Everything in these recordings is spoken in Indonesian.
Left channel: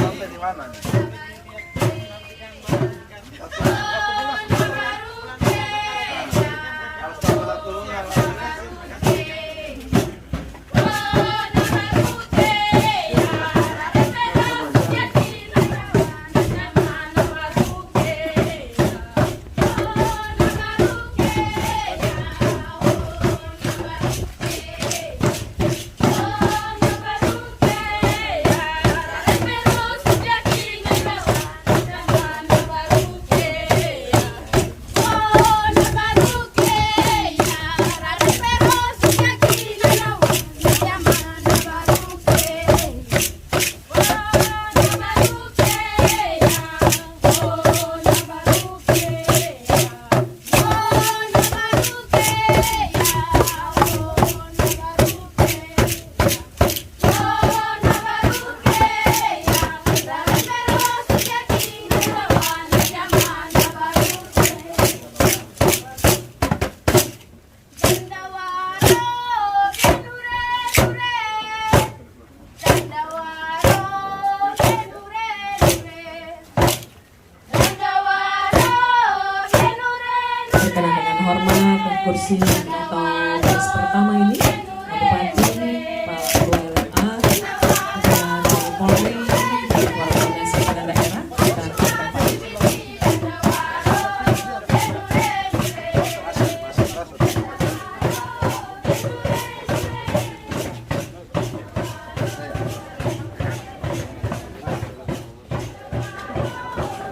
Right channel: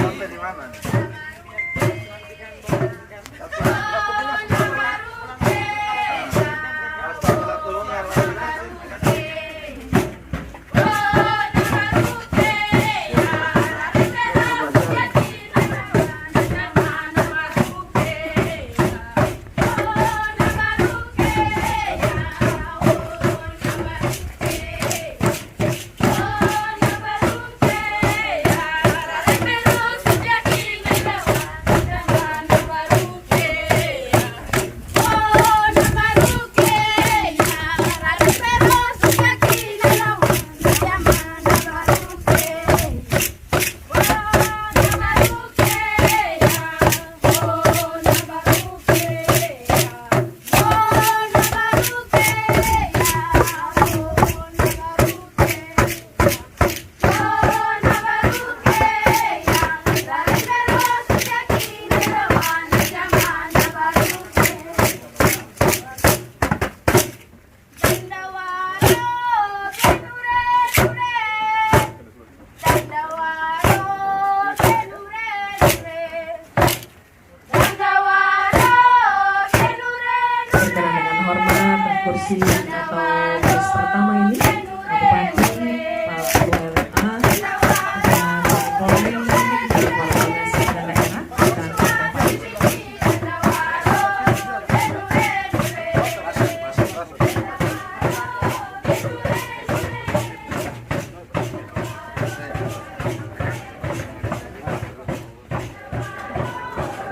sampai di mana nih? kursi atau baris pertama ini Bupati Pak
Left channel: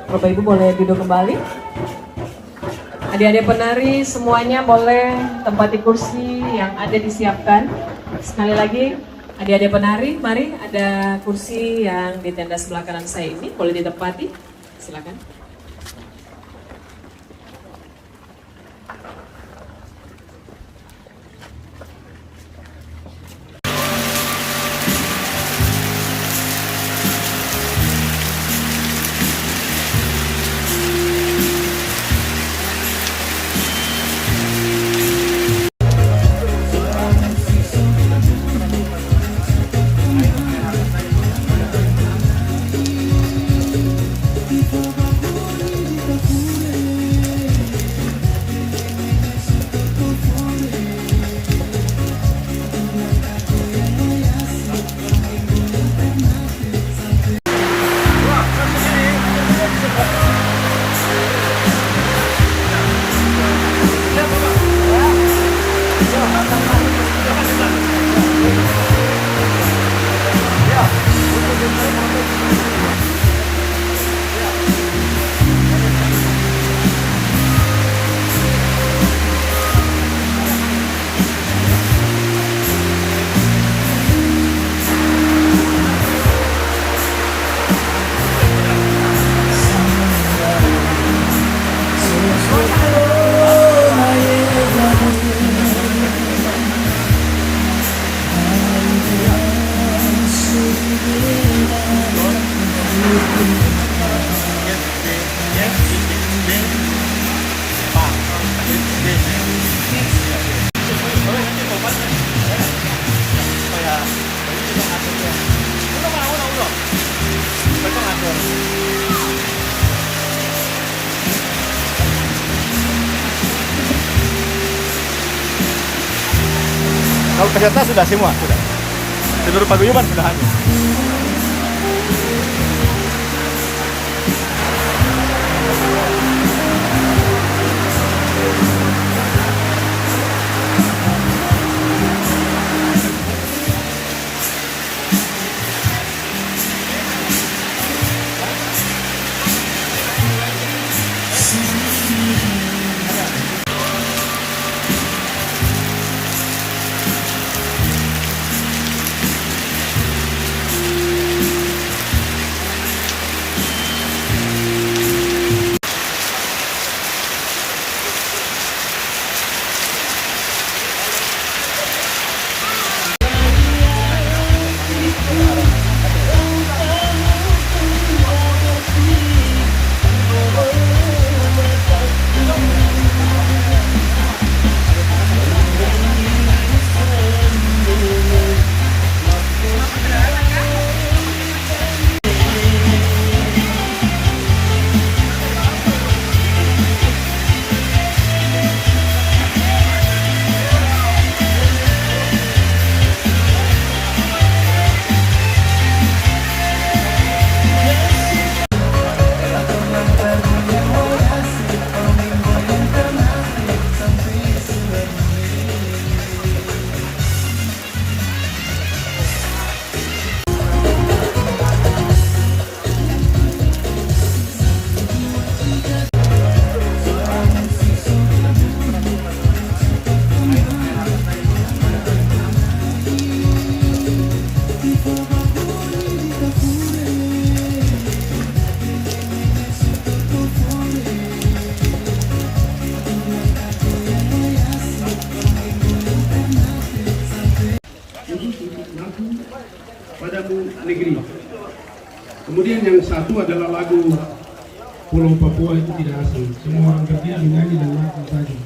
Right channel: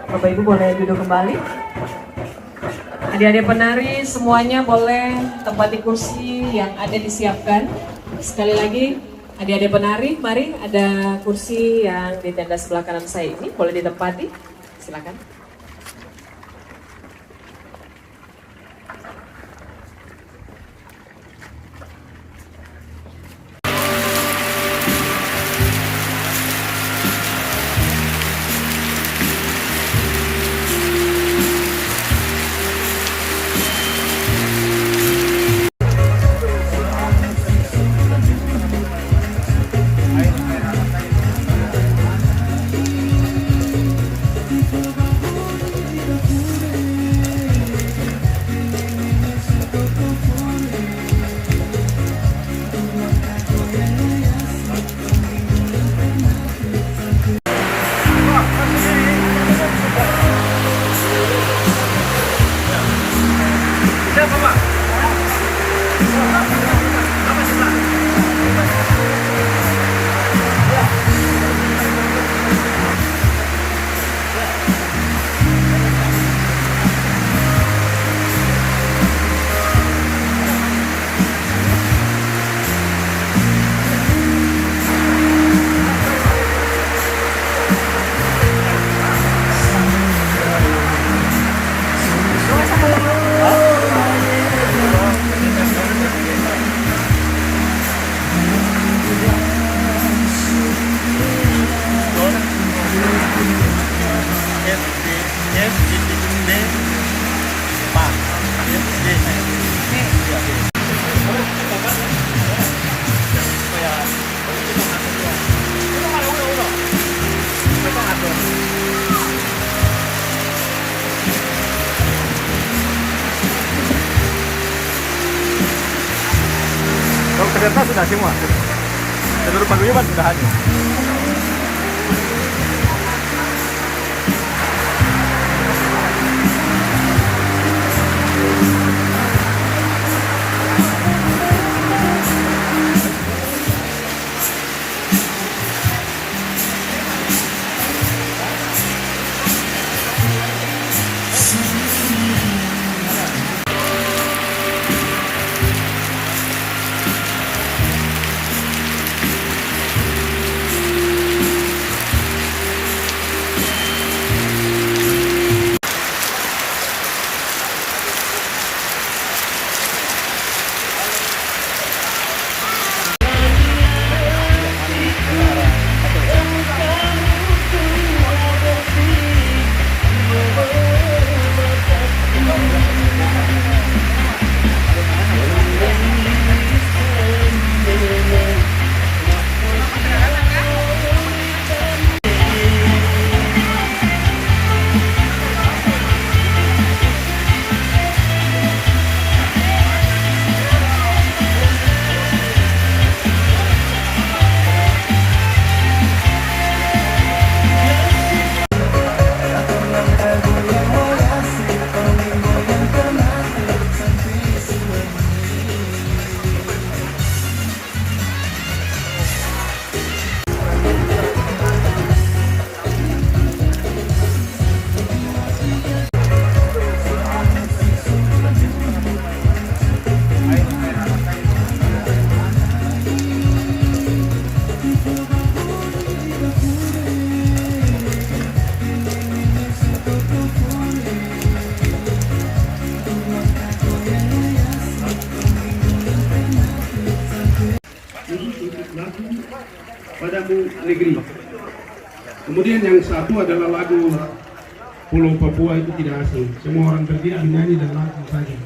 Bapak Ibu boleh duduk kembali. Adik-adik penari semuanya boleh tempati kursi yang ada disiapkan. Sekali lagi, adik-adik penari, mari ada kursi yang di tenda sebelah kanan saya ini, boleh ditempati. Silakan. Ternyata sudah semua. Seluruh paguyuban sudah hadir. Kemudian yang satu adalah lagu Pulau Papua itu tidak asing. Semua orang berdiri menyanyi dan lagu saja.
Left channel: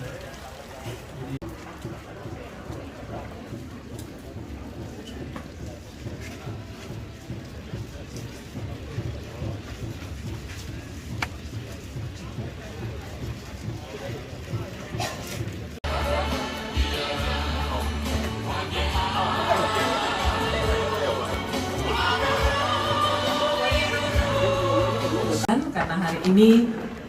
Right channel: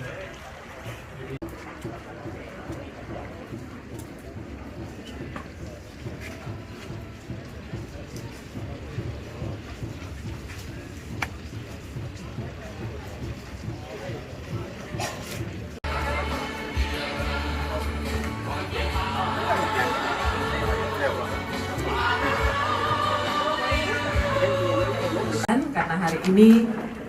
Karena hari ini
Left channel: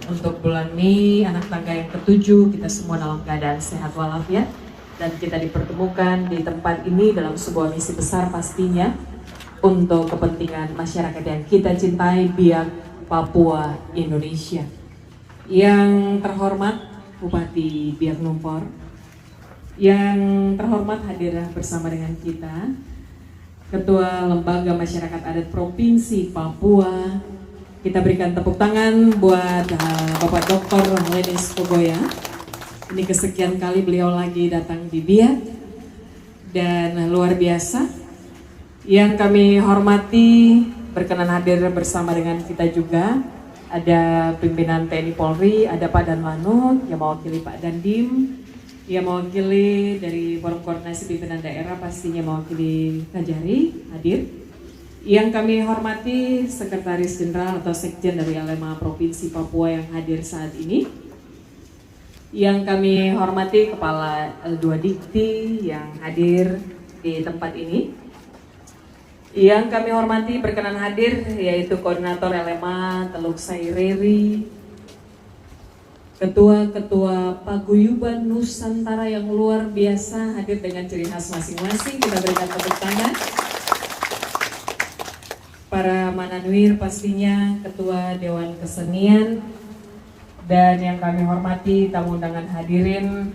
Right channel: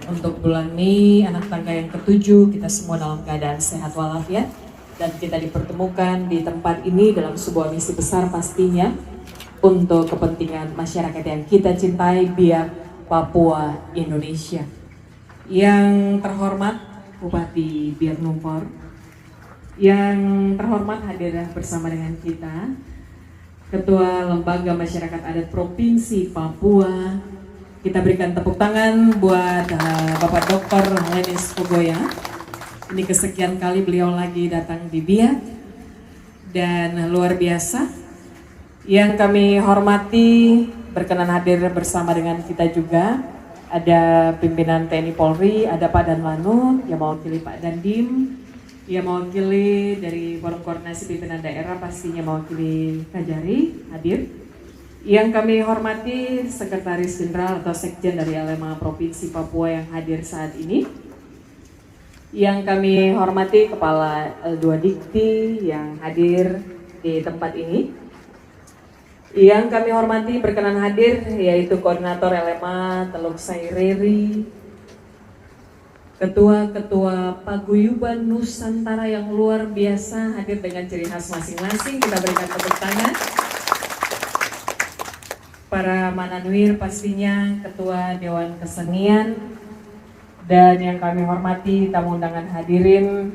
untuk bulan Mei anak tangga yang ke-7 kita semua dalam keadaan sehat walafiat dan kita dipertemukan di tempat ini dalam sebuah misi besar pastinya untuk kepentingan masyarakat yang kita cintai, Biak Papua Indonesia. Yang terhormat Bupati Biak Numfor, yang terhormat hadir bersama dengan kita Ketua Lembaga Masyarakat Adat Provinsi Papua. Kita berikan tepuk tangan buat Bapak Dr. Lenis Kogoya. Ini kesekian kali beliau lagi datang di Biak dan luar biasa. Yang kami hormati berkenan hadir bersama dengan kita juga ada pimpinan TNI Polri, ada Pak Danmanu yang mewakili Pak Dandim, yang mewakili dari Forum Koordinasi Pimpinan Daerah pastinya mewakili Kajari hadir. Yang kami hormati Sekretaris Jenderal atau Sekjen dari LMA Provinsi Papua yang hadir saat ini. Yang kami hormati Kepala L2 Dikti yang hadir di tempat ini. Yang kami hormati berkenan hadir yaitu Koordinator LMA Teluk Saireri, Ketua-Ketua Paguyuban Nusantara yang luar biasa hadir dengan ciri khas masing-masing. Kita berikan tepuk tangan. Para Mananwir pastinya, Ketua Dewan Kesenian, dan yang kami hormati tamu undangan hadirin,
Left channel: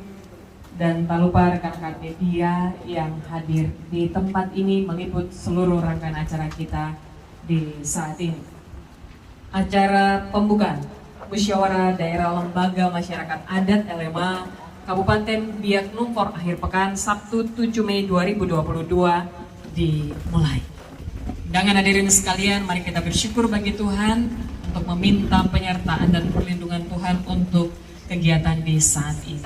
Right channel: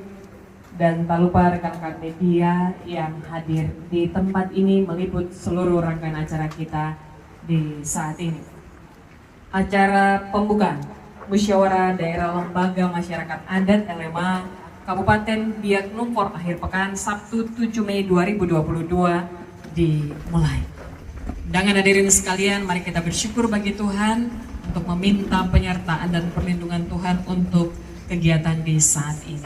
dan tak lupa rekan-rekan media yang hadir di tempat ini meliput seluruh rangkaian acara kita di saat ini. Acara pembukaan Musyawarah Daerah Lembaga Masyarakat Adat LMA Kabupaten Biak Numfor akhir pekan Sabtu 7 Mei 2022 dimulai. Dengan hadirin sekalian, mari kita bersyukur bagi Tuhan untuk meminta penyertaan dan perlindungan Tuhan untuk kegiatan di saat ini.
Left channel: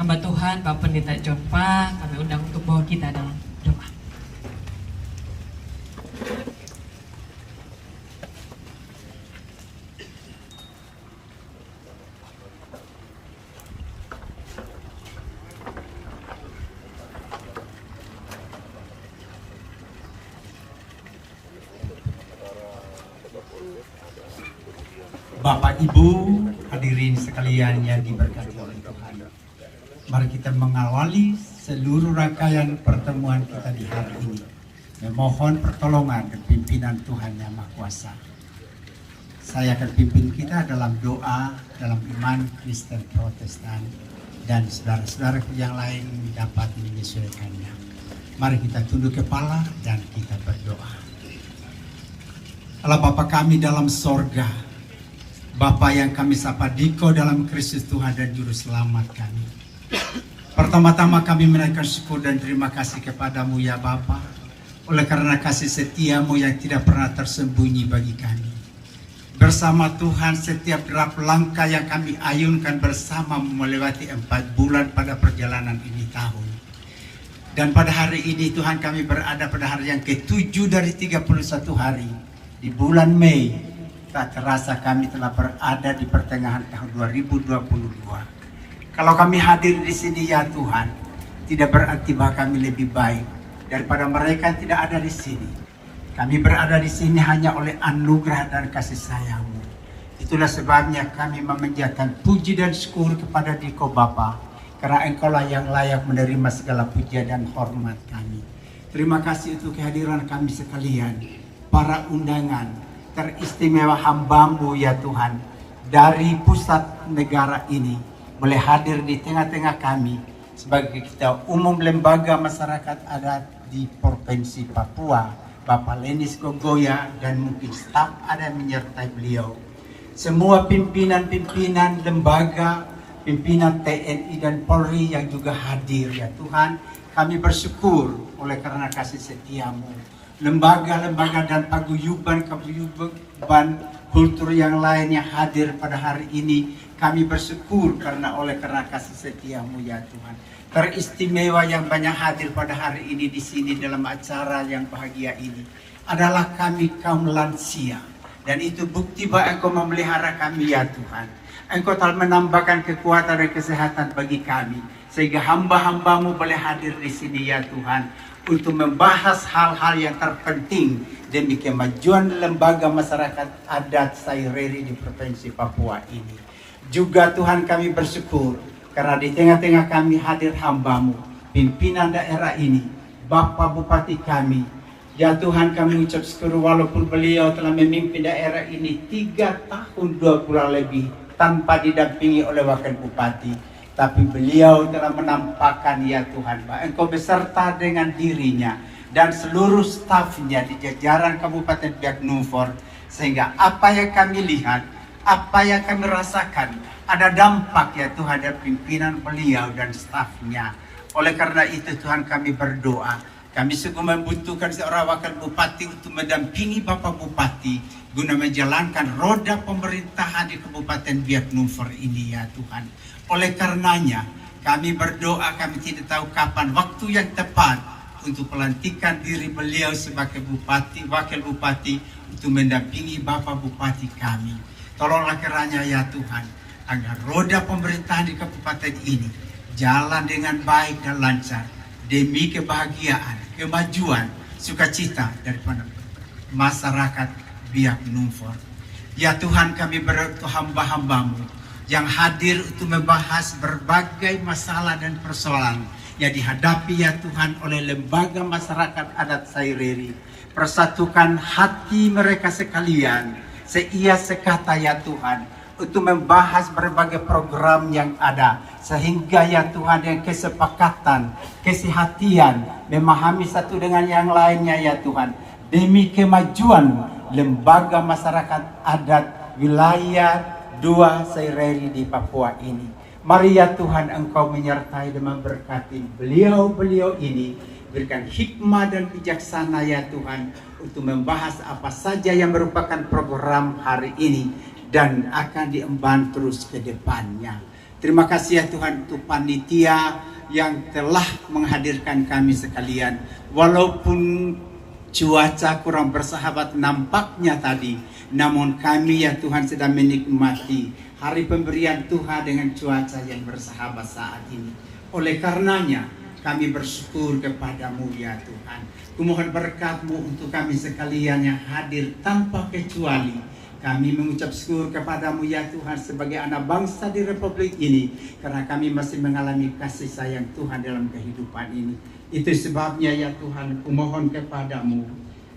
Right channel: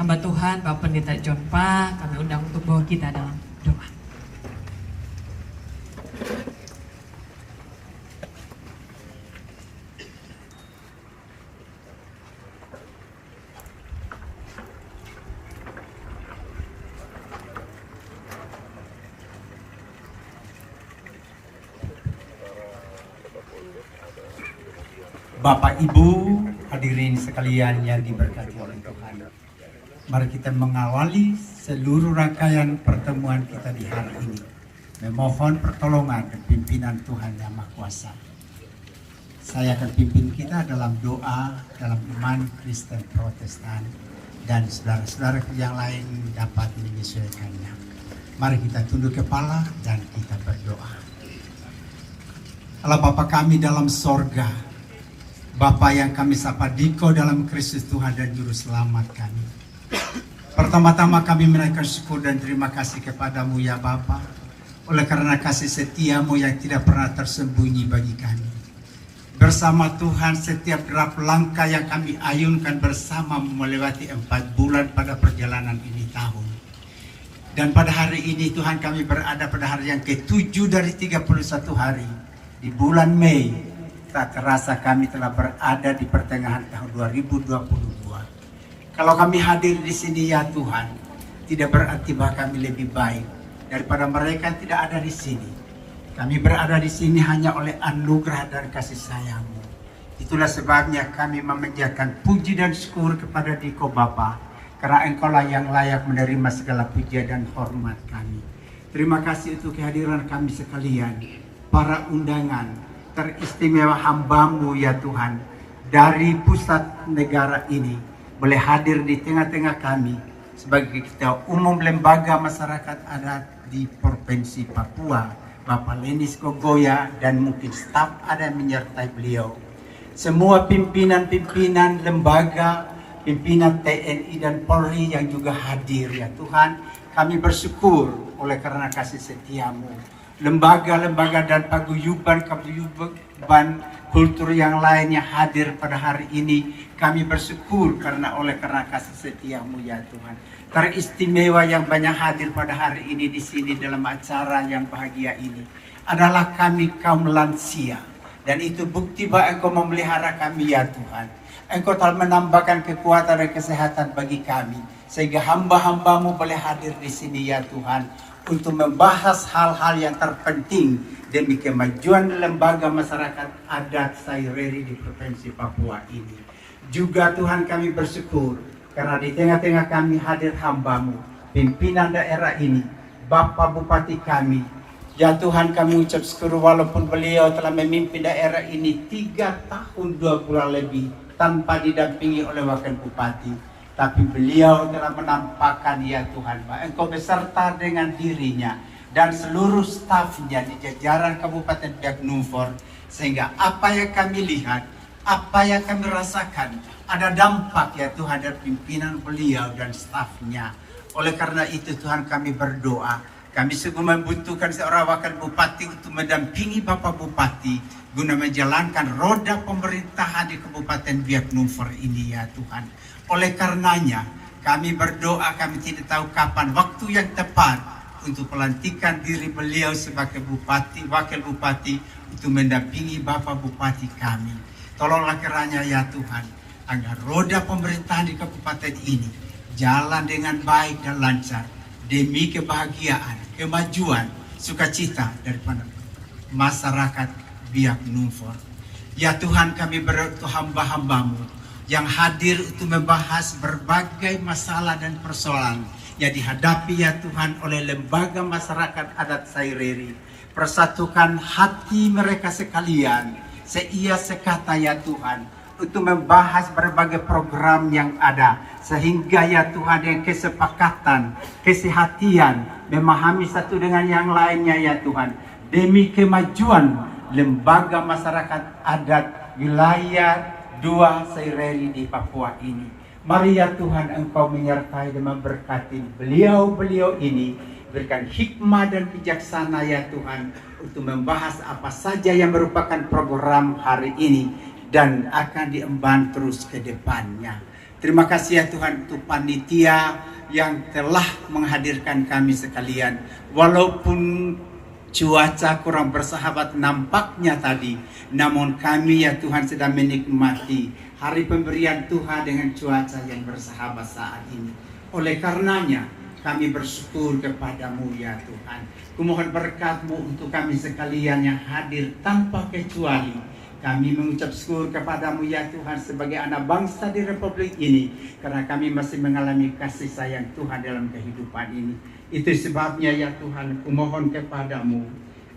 Hamba Tuhan, Bapak Pendeta John Pa, kami undang untuk bawa kita dalam doa. Bapak Ibu hadirin sekalian yang diberkati oleh Tuhan. Mari kita mengawali seluruh rangkaian pertemuan kita di hari ini. Memohon pertolongan dan pimpinan Tuhan Yang Maha Kuasa. Saya akan pimpin kita dalam doa, dalam iman Kristen Protestan, dan saudara-saudara yang lain dapat menyesuaikannya. Mari kita tunduk kepala dan kita berdoa. Allah Bapa kami dalam sorga, Bapa yang kami sapa Diko dalam Kristus Tuhan dan Juru Selamat kami. Pertama-tama kami menaikkan syukur dan terima kasih kepadamu ya Bapa, oleh karena kasih setiamu yang tidak pernah tersembunyi bagi kami. Bersama Tuhan setiap derap langkah yang kami ayunkan bersama melewati 4 bulan pada perjalanan ini tahun. Dan pada hari ini Tuhan kami berada pada hari yang ke-7 dari 31 hari di bulan Mei. Tak terasa kami telah berada di pertengahan tahun 2022. Kalau kami hadir di sini ya Tuhan, tidak berarti bahwa kami lebih baik daripada mereka yang tidak ada di sini. Kami berada di sini hanya oleh anugerah dan kasih sayang-Mu. Itulah sebabnya kami memanjatkan puji dan syukur kepada Diko Bapa, karena Engkaulah yang layak menerima segala puja dan hormat kami. Terima kasih untuk kehadiran kami sekalian, para undangan teristimewa hamba-Mu ya Tuhan, dari pusat negara ini boleh hadir di tengah-tengah kami sebagai ketua umum lembaga masyarakat adat di Provinsi Papua, Bapak Lenis Kogoya, dan mungkin staf ada menyertai beliau. Semua pimpinan-pimpinan lembaga, pimpinan TNI dan Polri yang juga hadir ya Tuhan, kami bersyukur oleh karena kasih setia-Mu. lembaga-lembaga dan paguyuban kultur yang lainnya hadir pada hari ini. Kami bersyukur karena kasih setiamu ya Tuhan. Teristimewa yang banyak hadir pada hari ini di sini dalam acara yang bahagia ini adalah kami kaum lansia. Dan itu bukti bahwa Engkau memelihara kami ya Tuhan. Engkau telah menambahkan kekuatan dan kesehatan bagi kami. Sehingga hamba-hambamu boleh hadir di sini ya Tuhan. Untuk membahas hal-hal yang terpenting demi kemajuan lembaga masyarakat adat Saireri di Provinsi Papua ini. Juga Tuhan kami bersyukur karena di tengah-tengah kami hadir hamba-Mu, pimpinan daerah ini, Bapak Bupati kami. Ya Tuhan kami ucap syukur walaupun beliau telah memimpin daerah ini 3 tahun 2 bulan lebih tanpa didampingi oleh Wakil Bupati. Tapi beliau telah menampakkan ya Tuhan bahwa Engkau beserta dengan dirinya dan seluruh stafnya di jajaran Kabupaten Biak Numfor. Sehingga apa yang kami lihat, apa yang kami rasakan, ada dampak ya Tuhan dari pimpinan beliau dan stafnya. Oleh karena itu Tuhan kami berdoa. Kami sungguh membutuhkan seorang wakil bupati untuk mendampingi Bapak Bupati guna menjalankan roda pemerintahan di Kabupaten Biak Numfor ini ya Tuhan. Oleh karenanya kami berdoa, kami tidak tahu kapan waktu yang tepat untuk pelantikan diri beliau sebagai bupati, wakil bupati untuk mendampingi Bapak Bupati kami. Tolonglah kiranya ya Tuhan, agar roda pemerintahan di kabupaten ini jalan dengan baik dan lancar demi kebahagiaan, kemajuan, sukacita daripada masyarakat Biak Numfor. Ya Tuhan kami berdoa hamba-hambamu yang hadir untuk membahas berbagai masalah dan persoalan yang dihadapi ya Tuhan oleh lembaga masyarakat adat Saireri. Persatukan hati mereka sekalian, seia sekata ya Tuhan, untuk membahas berbagai program yang ada. Sehingga ya Tuhan yang kesepakatan, kesehatian, memahami satu dengan yang lainnya ya Tuhan. Demi kemajuan lembaga masyarakat adat wilayah 2 Saireri di Papua ini. Mari ya Tuhan Engkau menyertai dan memberkati beliau-beliau ini. Berikan hikmah dan bijaksana ya Tuhan untuk membahas apa saja yang merupakan program hari ini dan akan diemban terus ke depannya. Terima kasih ya Tuhan untuk panitia yang telah menghadirkan kami sekalian. Walaupun cuaca kurang bersahabat nampaknya tadi, namun kami ya Tuhan sedang menikmati hari pemberian Tuhan dengan cuaca yang bersahabat saat ini. Oleh karenanya kami bersyukur kepadamu ya Tuhan. Kumohon berkat-Mu untuk kami sekalian yang hadir tanpa kecuali. Kami mengucap syukur kepadamu ya Tuhan sebagai anak bangsa di Republik ini. Karena kami masih mengalami kasih sayang Tuhan dalam kehidupan ini. Itu sebabnya ya Tuhan kumohon kepadamu.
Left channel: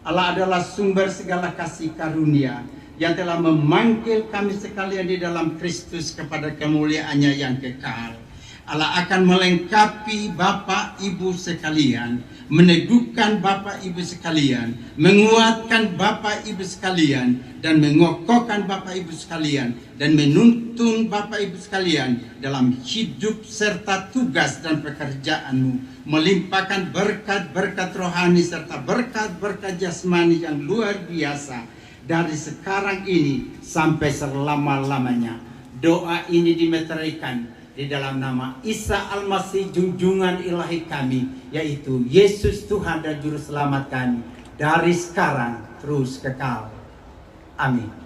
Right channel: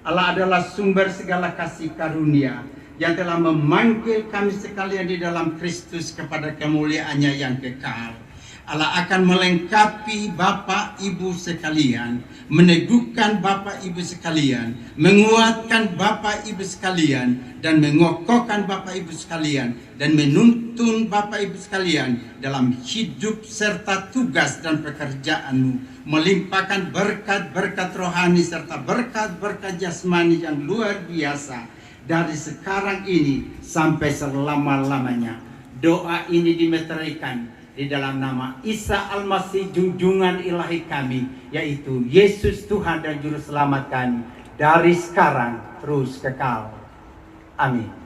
Allah adalah sumber segala kasih karunia yang telah memanggil kami sekalian di dalam Kristus kepada kemuliaannya yang kekal. Allah akan melengkapi Bapak Ibu sekalian, meneguhkan Bapak Ibu sekalian, menguatkan Bapak Ibu sekalian, dan mengokohkan Bapak Ibu sekalian, dan menuntun Bapak Ibu sekalian dalam hidup serta tugas dan pekerjaanmu, melimpahkan berkat-berkat rohani serta berkat-berkat jasmani yang luar biasa dari sekarang ini sampai selama-lamanya. Doa ini dimeteraikan di dalam nama Isa Al-Masih junjungan ilahi kami, yaitu Yesus Tuhan dan Juru Selamat kami, dari sekarang terus kekal. Amin.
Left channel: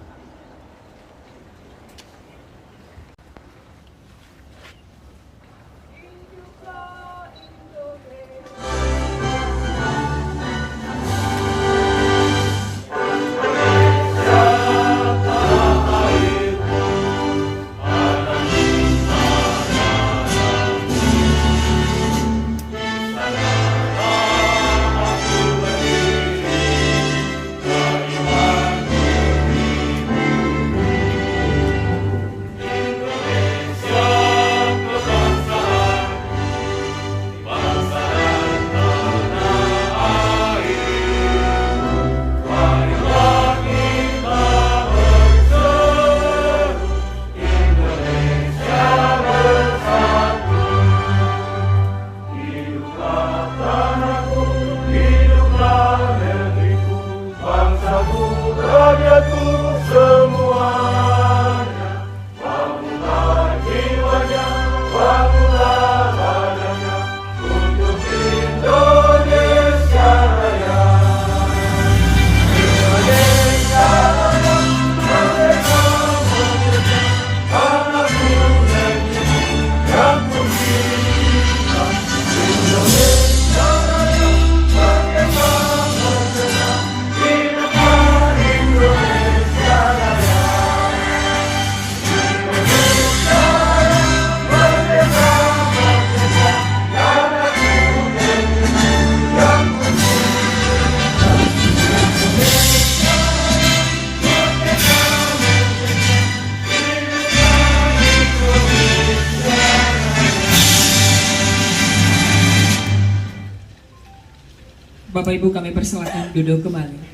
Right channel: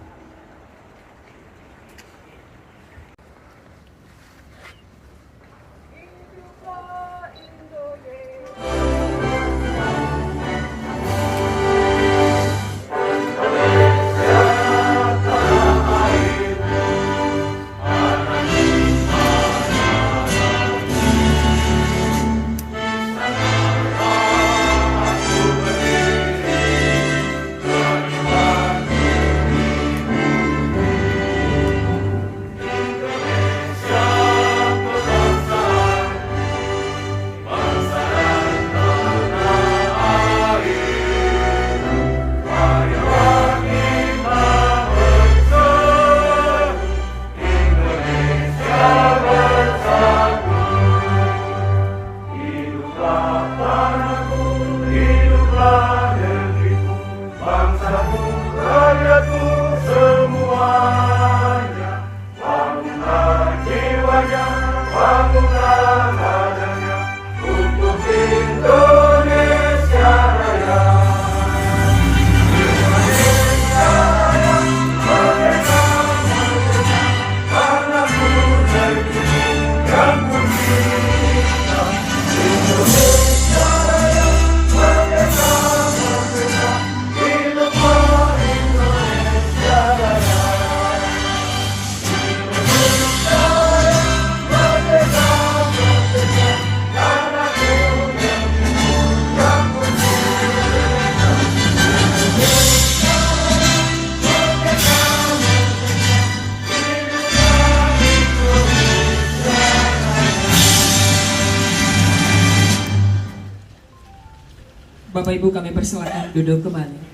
Bapak Ibu kami persilakan duduk kembali.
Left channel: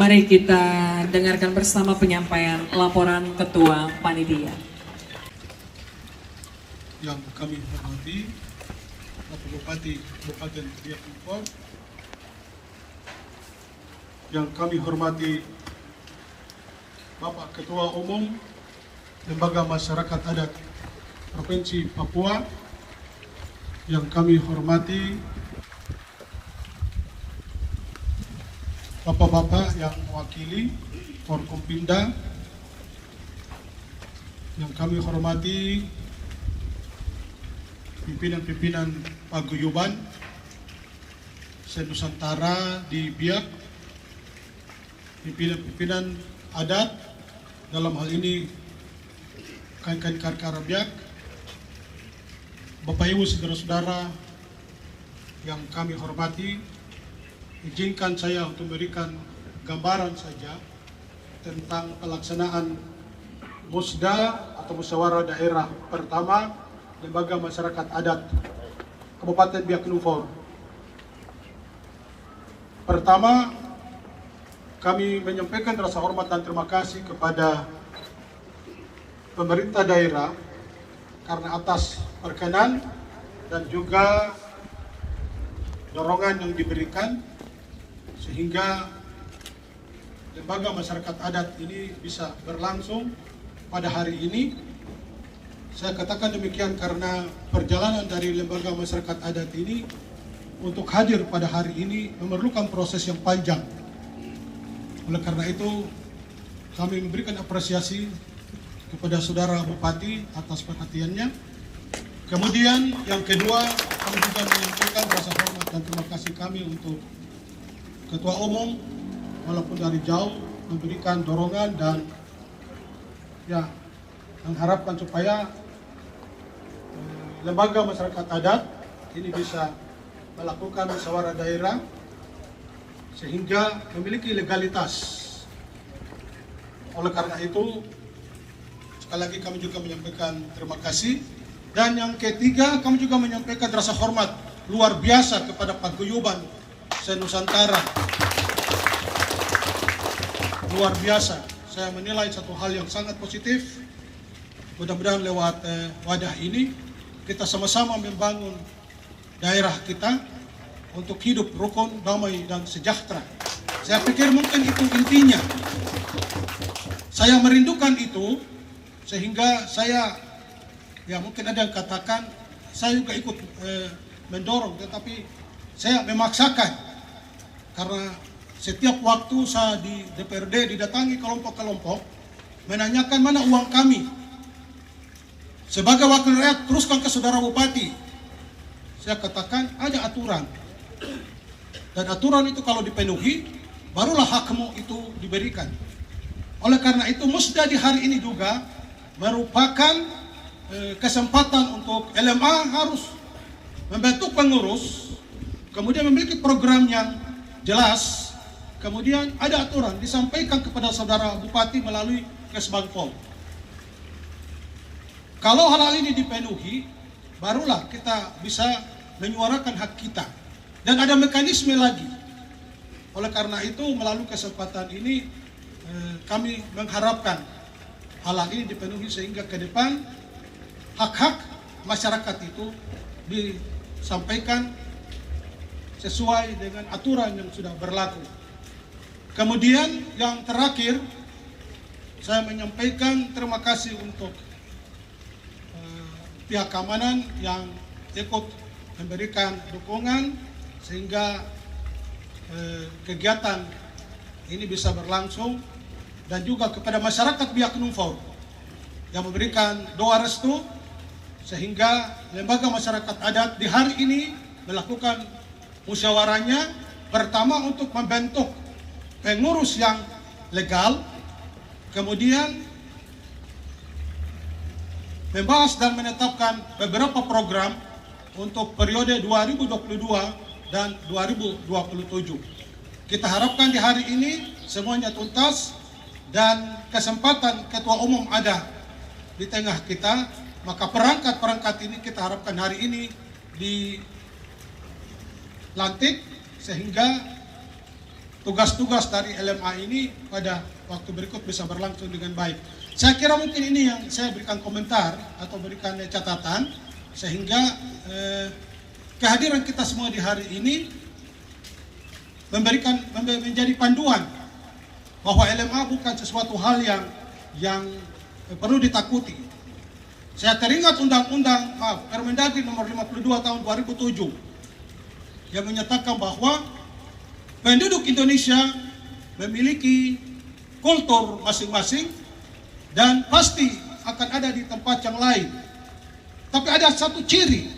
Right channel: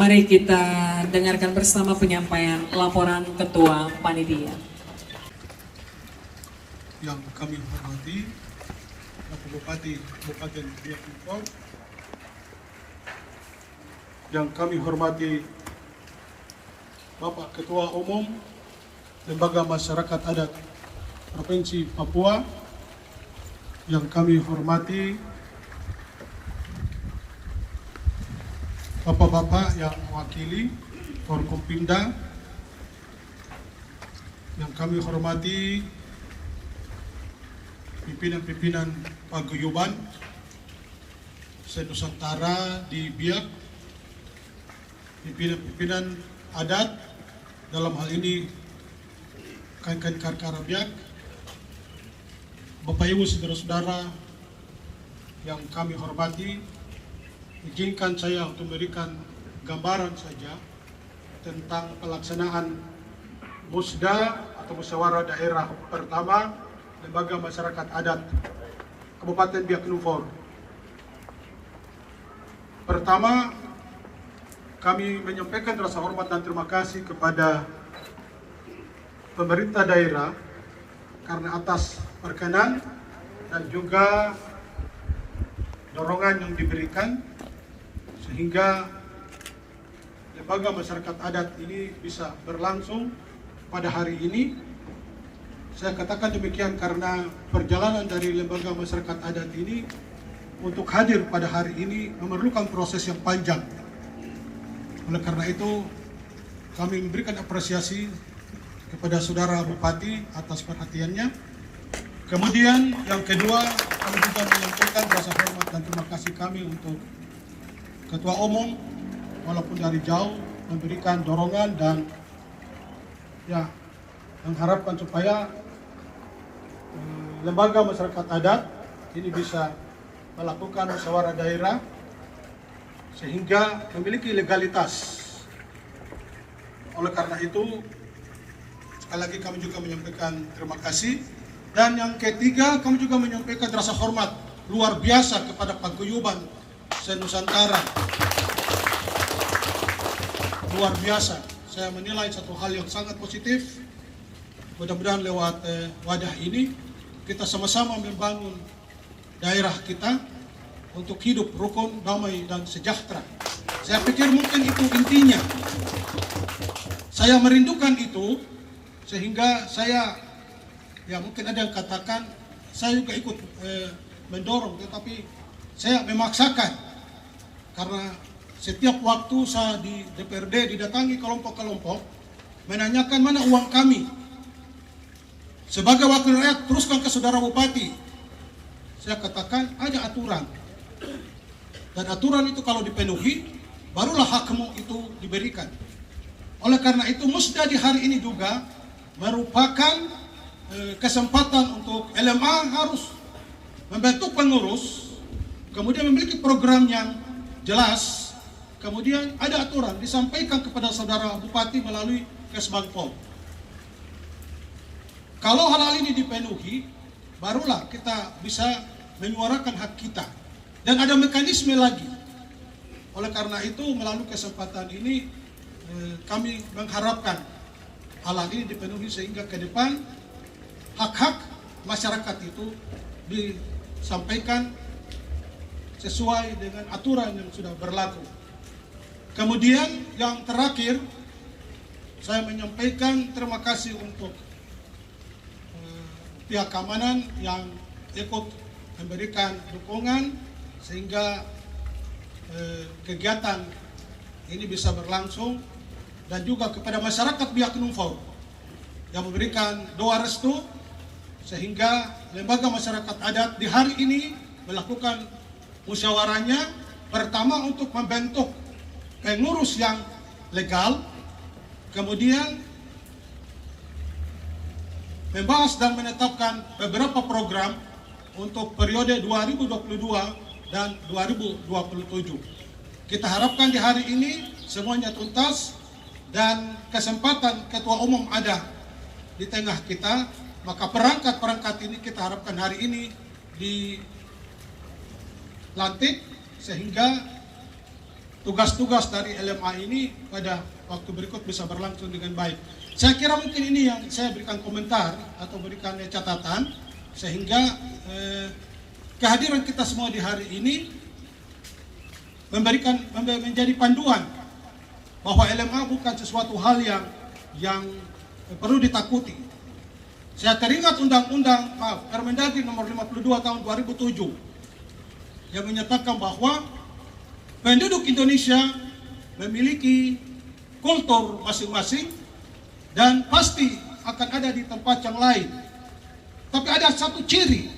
Mari kita dengarkan bersama penyampaian laporan Ketua Panitia. Yang kami hormati Bapak Bupati Kabupaten Biak Numfor, yang kami hormati Bapak Ketua Umum Lembaga Masyarakat Adat Provinsi Papua, yang kami hormati Bapak-bapak yang mewakili Forkompimda, yang kami hormati pimpinan-pimpinan paguyuban se-Nusantara di Biak, pimpinan-pimpinan adat, dalam hal ini Kankan Karkara Biak, Bapak Ibu saudara-saudara yang kami hormati, izinkan saya untuk memberikan gambaran saja tentang pelaksanaan Musda atau Musyawarah Daerah pertama Lembaga Masyarakat Adat Kabupaten Biak Numfor. Pertama, kami menyampaikan rasa hormat dan terima kasih kepada pemerintah daerah karena atas perkenan dan juga dorongan yang diberikan sehingga Lembaga Masyarakat Adat ini bisa berlangsung pada hari ini. Saya katakan demikian karena perjalanan dari Lembaga Masyarakat Adat ini untuk hadir pada hari ini memerlukan proses yang panjang. Oleh karena itu, kami memberikan apresiasi kepada Saudara Bupati atas perhatiannya. Kemudian yang kedua, kami juga menyampaikan rasa hormat dan terima kasih kami untuk Ketua Umum, walaupun dari jauh memberikan dorongan dan ya mengharapkan supaya Lembaga Masyarakat Adat ini bisa melakukan musyawarah daerah sehingga memiliki legalitas. Oleh karena itu, sekali lagi kami juga menyampaikan terima kasih. Dan yang ketiga, kami juga menyampaikan rasa hormat luar biasa kepada paguyuban se-Nusantara. Luar biasa. Saya menilai satu hal yang sangat positif. Mudah-mudahan lewat wadah ini kita sama-sama membangun daerah kita untuk hidup rukun, damai, dan sejahtera. Saya pikir mungkin itu intinya. Saya merindukan itu sehingga saya, ya mungkin ada yang katakan saya juga ikut mendorong, tetapi saya memaksakan karena setiap waktu saya di DPRD didatangi kelompok-kelompok menanyakan mana uang kami. Sebagai wakil rakyat teruskan ke Saudara Bupati. Saya katakan ada aturan. Dan aturan itu kalau dipenuhi, barulah hakmu itu diberikan. Oleh karena itu, musda di hari ini juga merupakan kesempatan untuk LMA harus membentuk pengurus, kemudian memiliki program yang jelas, kemudian ada aturan disampaikan kepada Saudara Bupati melalui Kesbangpol. Kalau hal ini dipenuhi, barulah kita bisa menyuarakan hak kita. Dan ada mekanisme lagi. Oleh karena itu, melalui kesempatan ini, kami mengharapkan hal ini dipenuhi sehingga ke depan hak-hak masyarakat itu disampaikan sesuai dengan aturan yang sudah berlaku. Kemudian yang terakhir, saya menyampaikan terima kasih untuk pihak keamanan yang ikut memberikan dukungan sehingga kegiatan ini bisa berlangsung, dan juga kepada masyarakat Biak Numfor yang memberikan doa restu sehingga Lembaga Masyarakat Adat di hari ini melakukan musyawarahnya pertama untuk membentuk pengurus yang legal, kemudian membahas dan menetapkan beberapa program untuk periode 2022 dan 2027. Kita harapkan di hari ini semuanya tuntas dan kesempatan Ketua Umum ada di tengah kita, maka perangkat-perangkat ini kita harapkan hari ini lantik sehingga tugas-tugas dari LMA ini pada waktu berikut bisa berlangsung dengan baik. Saya kira mungkin ini yang saya berikan komentar atau berikan catatan sehingga kehadiran kita semua di hari ini menjadi panduan bahwa LMA bukan sesuatu hal yang perlu ditakuti. Saya teringat Permendagri nomor 52 tahun 2007 yang menyatakan bahwa penduduk Indonesia memiliki kultur masing-masing dan pasti akan ada di tempat yang lain. Tapi ada satu ciri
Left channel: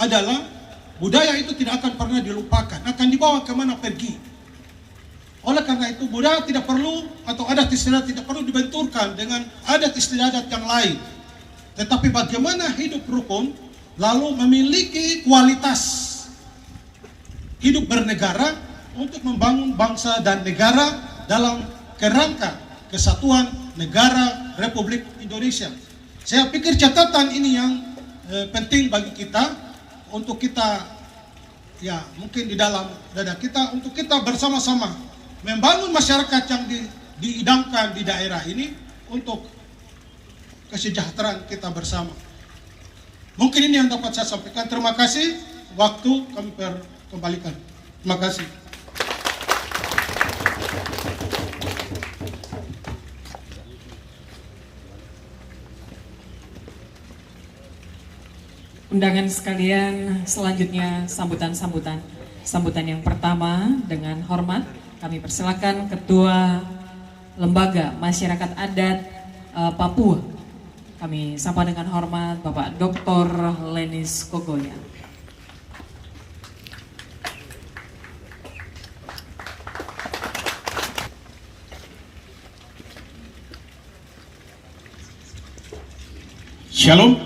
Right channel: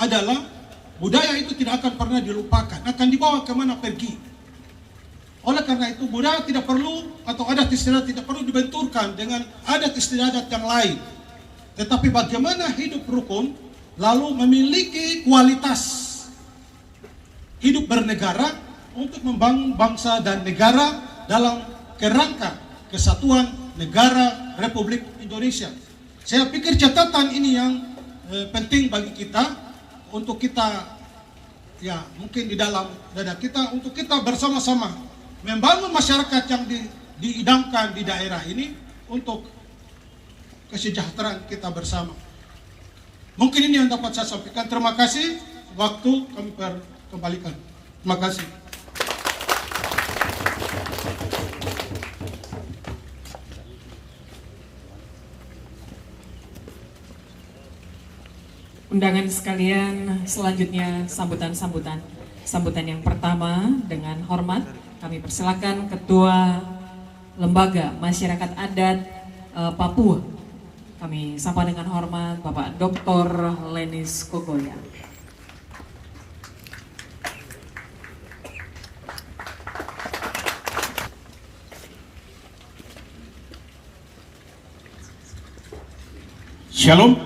adalah budaya itu tidak akan pernah dilupakan, akan dibawa kemana pergi. Oleh karena itu budaya tidak perlu atau adat istiadat tidak perlu dibenturkan dengan adat istiadat yang lain. Tetapi bagaimana hidup rukun lalu memiliki kualitas hidup bernegara untuk membangun bangsa dan negara dalam kerangka kesatuan negara Republik Indonesia. Saya pikir catatan ini yang penting bagi kita untuk kita ya mungkin di dalam dada kita untuk kita bersama-sama membangun masyarakat yang diidamkan di daerah ini untuk kesejahteraan kita bersama. Mungkin ini yang dapat saya sampaikan. Terima kasih. Waktu kami kembalikan. Terima kasih. Undangan sekalian, selanjutnya sambutan yang pertama dengan hormat kami persilakan Ketua Lembaga Masyarakat Adat Papua. Kami sapa dengan hormat Bapak Dr. Lenis Kogoya. Shalom.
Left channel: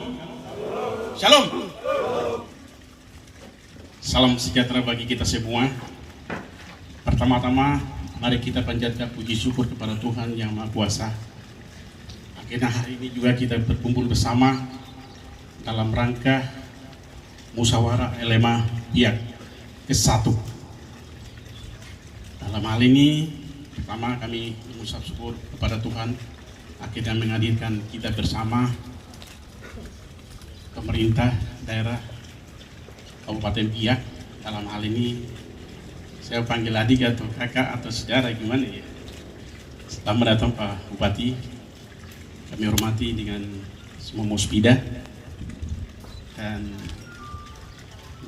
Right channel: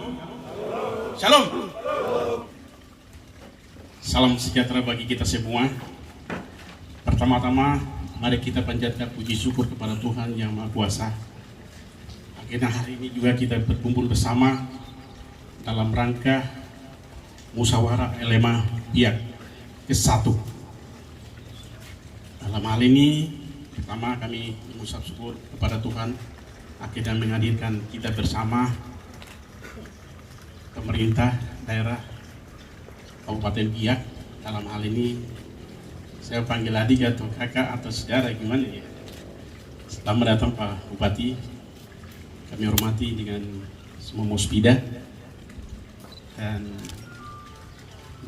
Shalom. Salam sejahtera bagi kita semua. Pertama-tama, mari kita panjatkan puji syukur kepada Tuhan Yang Maha Kuasa. Akhirnya hari ini juga kita berkumpul bersama dalam rangka musyawarah LMA Biak ke-1. Dalam hal ini, pertama kami mengucap syukur kepada Tuhan akhirnya menghadirkan kita bersama pemerintah daerah Kabupaten Biak. Dalam hal ini saya panggil adik atau kakak atau saudara gimana ya. Selamat datang Pak Bupati. Kami hormati dengan semua muspida dan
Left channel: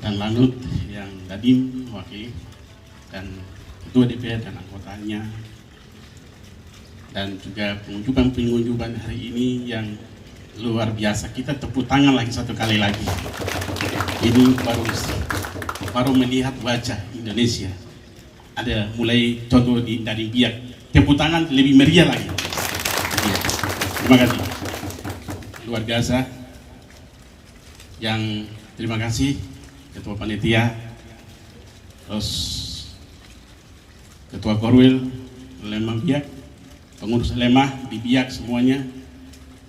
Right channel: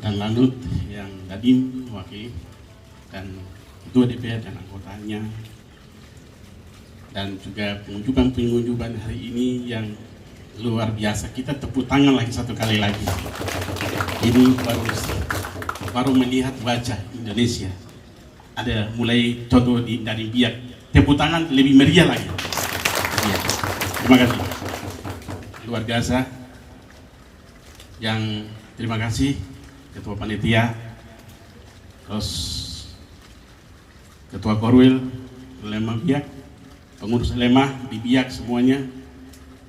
lanut yang Dadim wakil dan ketua DPR dan anggotanya dan juga pengunjungan hari ini yang luar biasa. Kita tepuk tangan lagi satu kali lagi. Ini baru melihat wajah Indonesia. Ada mulai contoh dari Biak. Tepuk tangan lebih meriah lagi. Terima kasih. Luar biasa. Yang terima kasih Ketua Panitia, terus Ketua Korwil LMA Biak, pengurus LMA di Biak semuanya,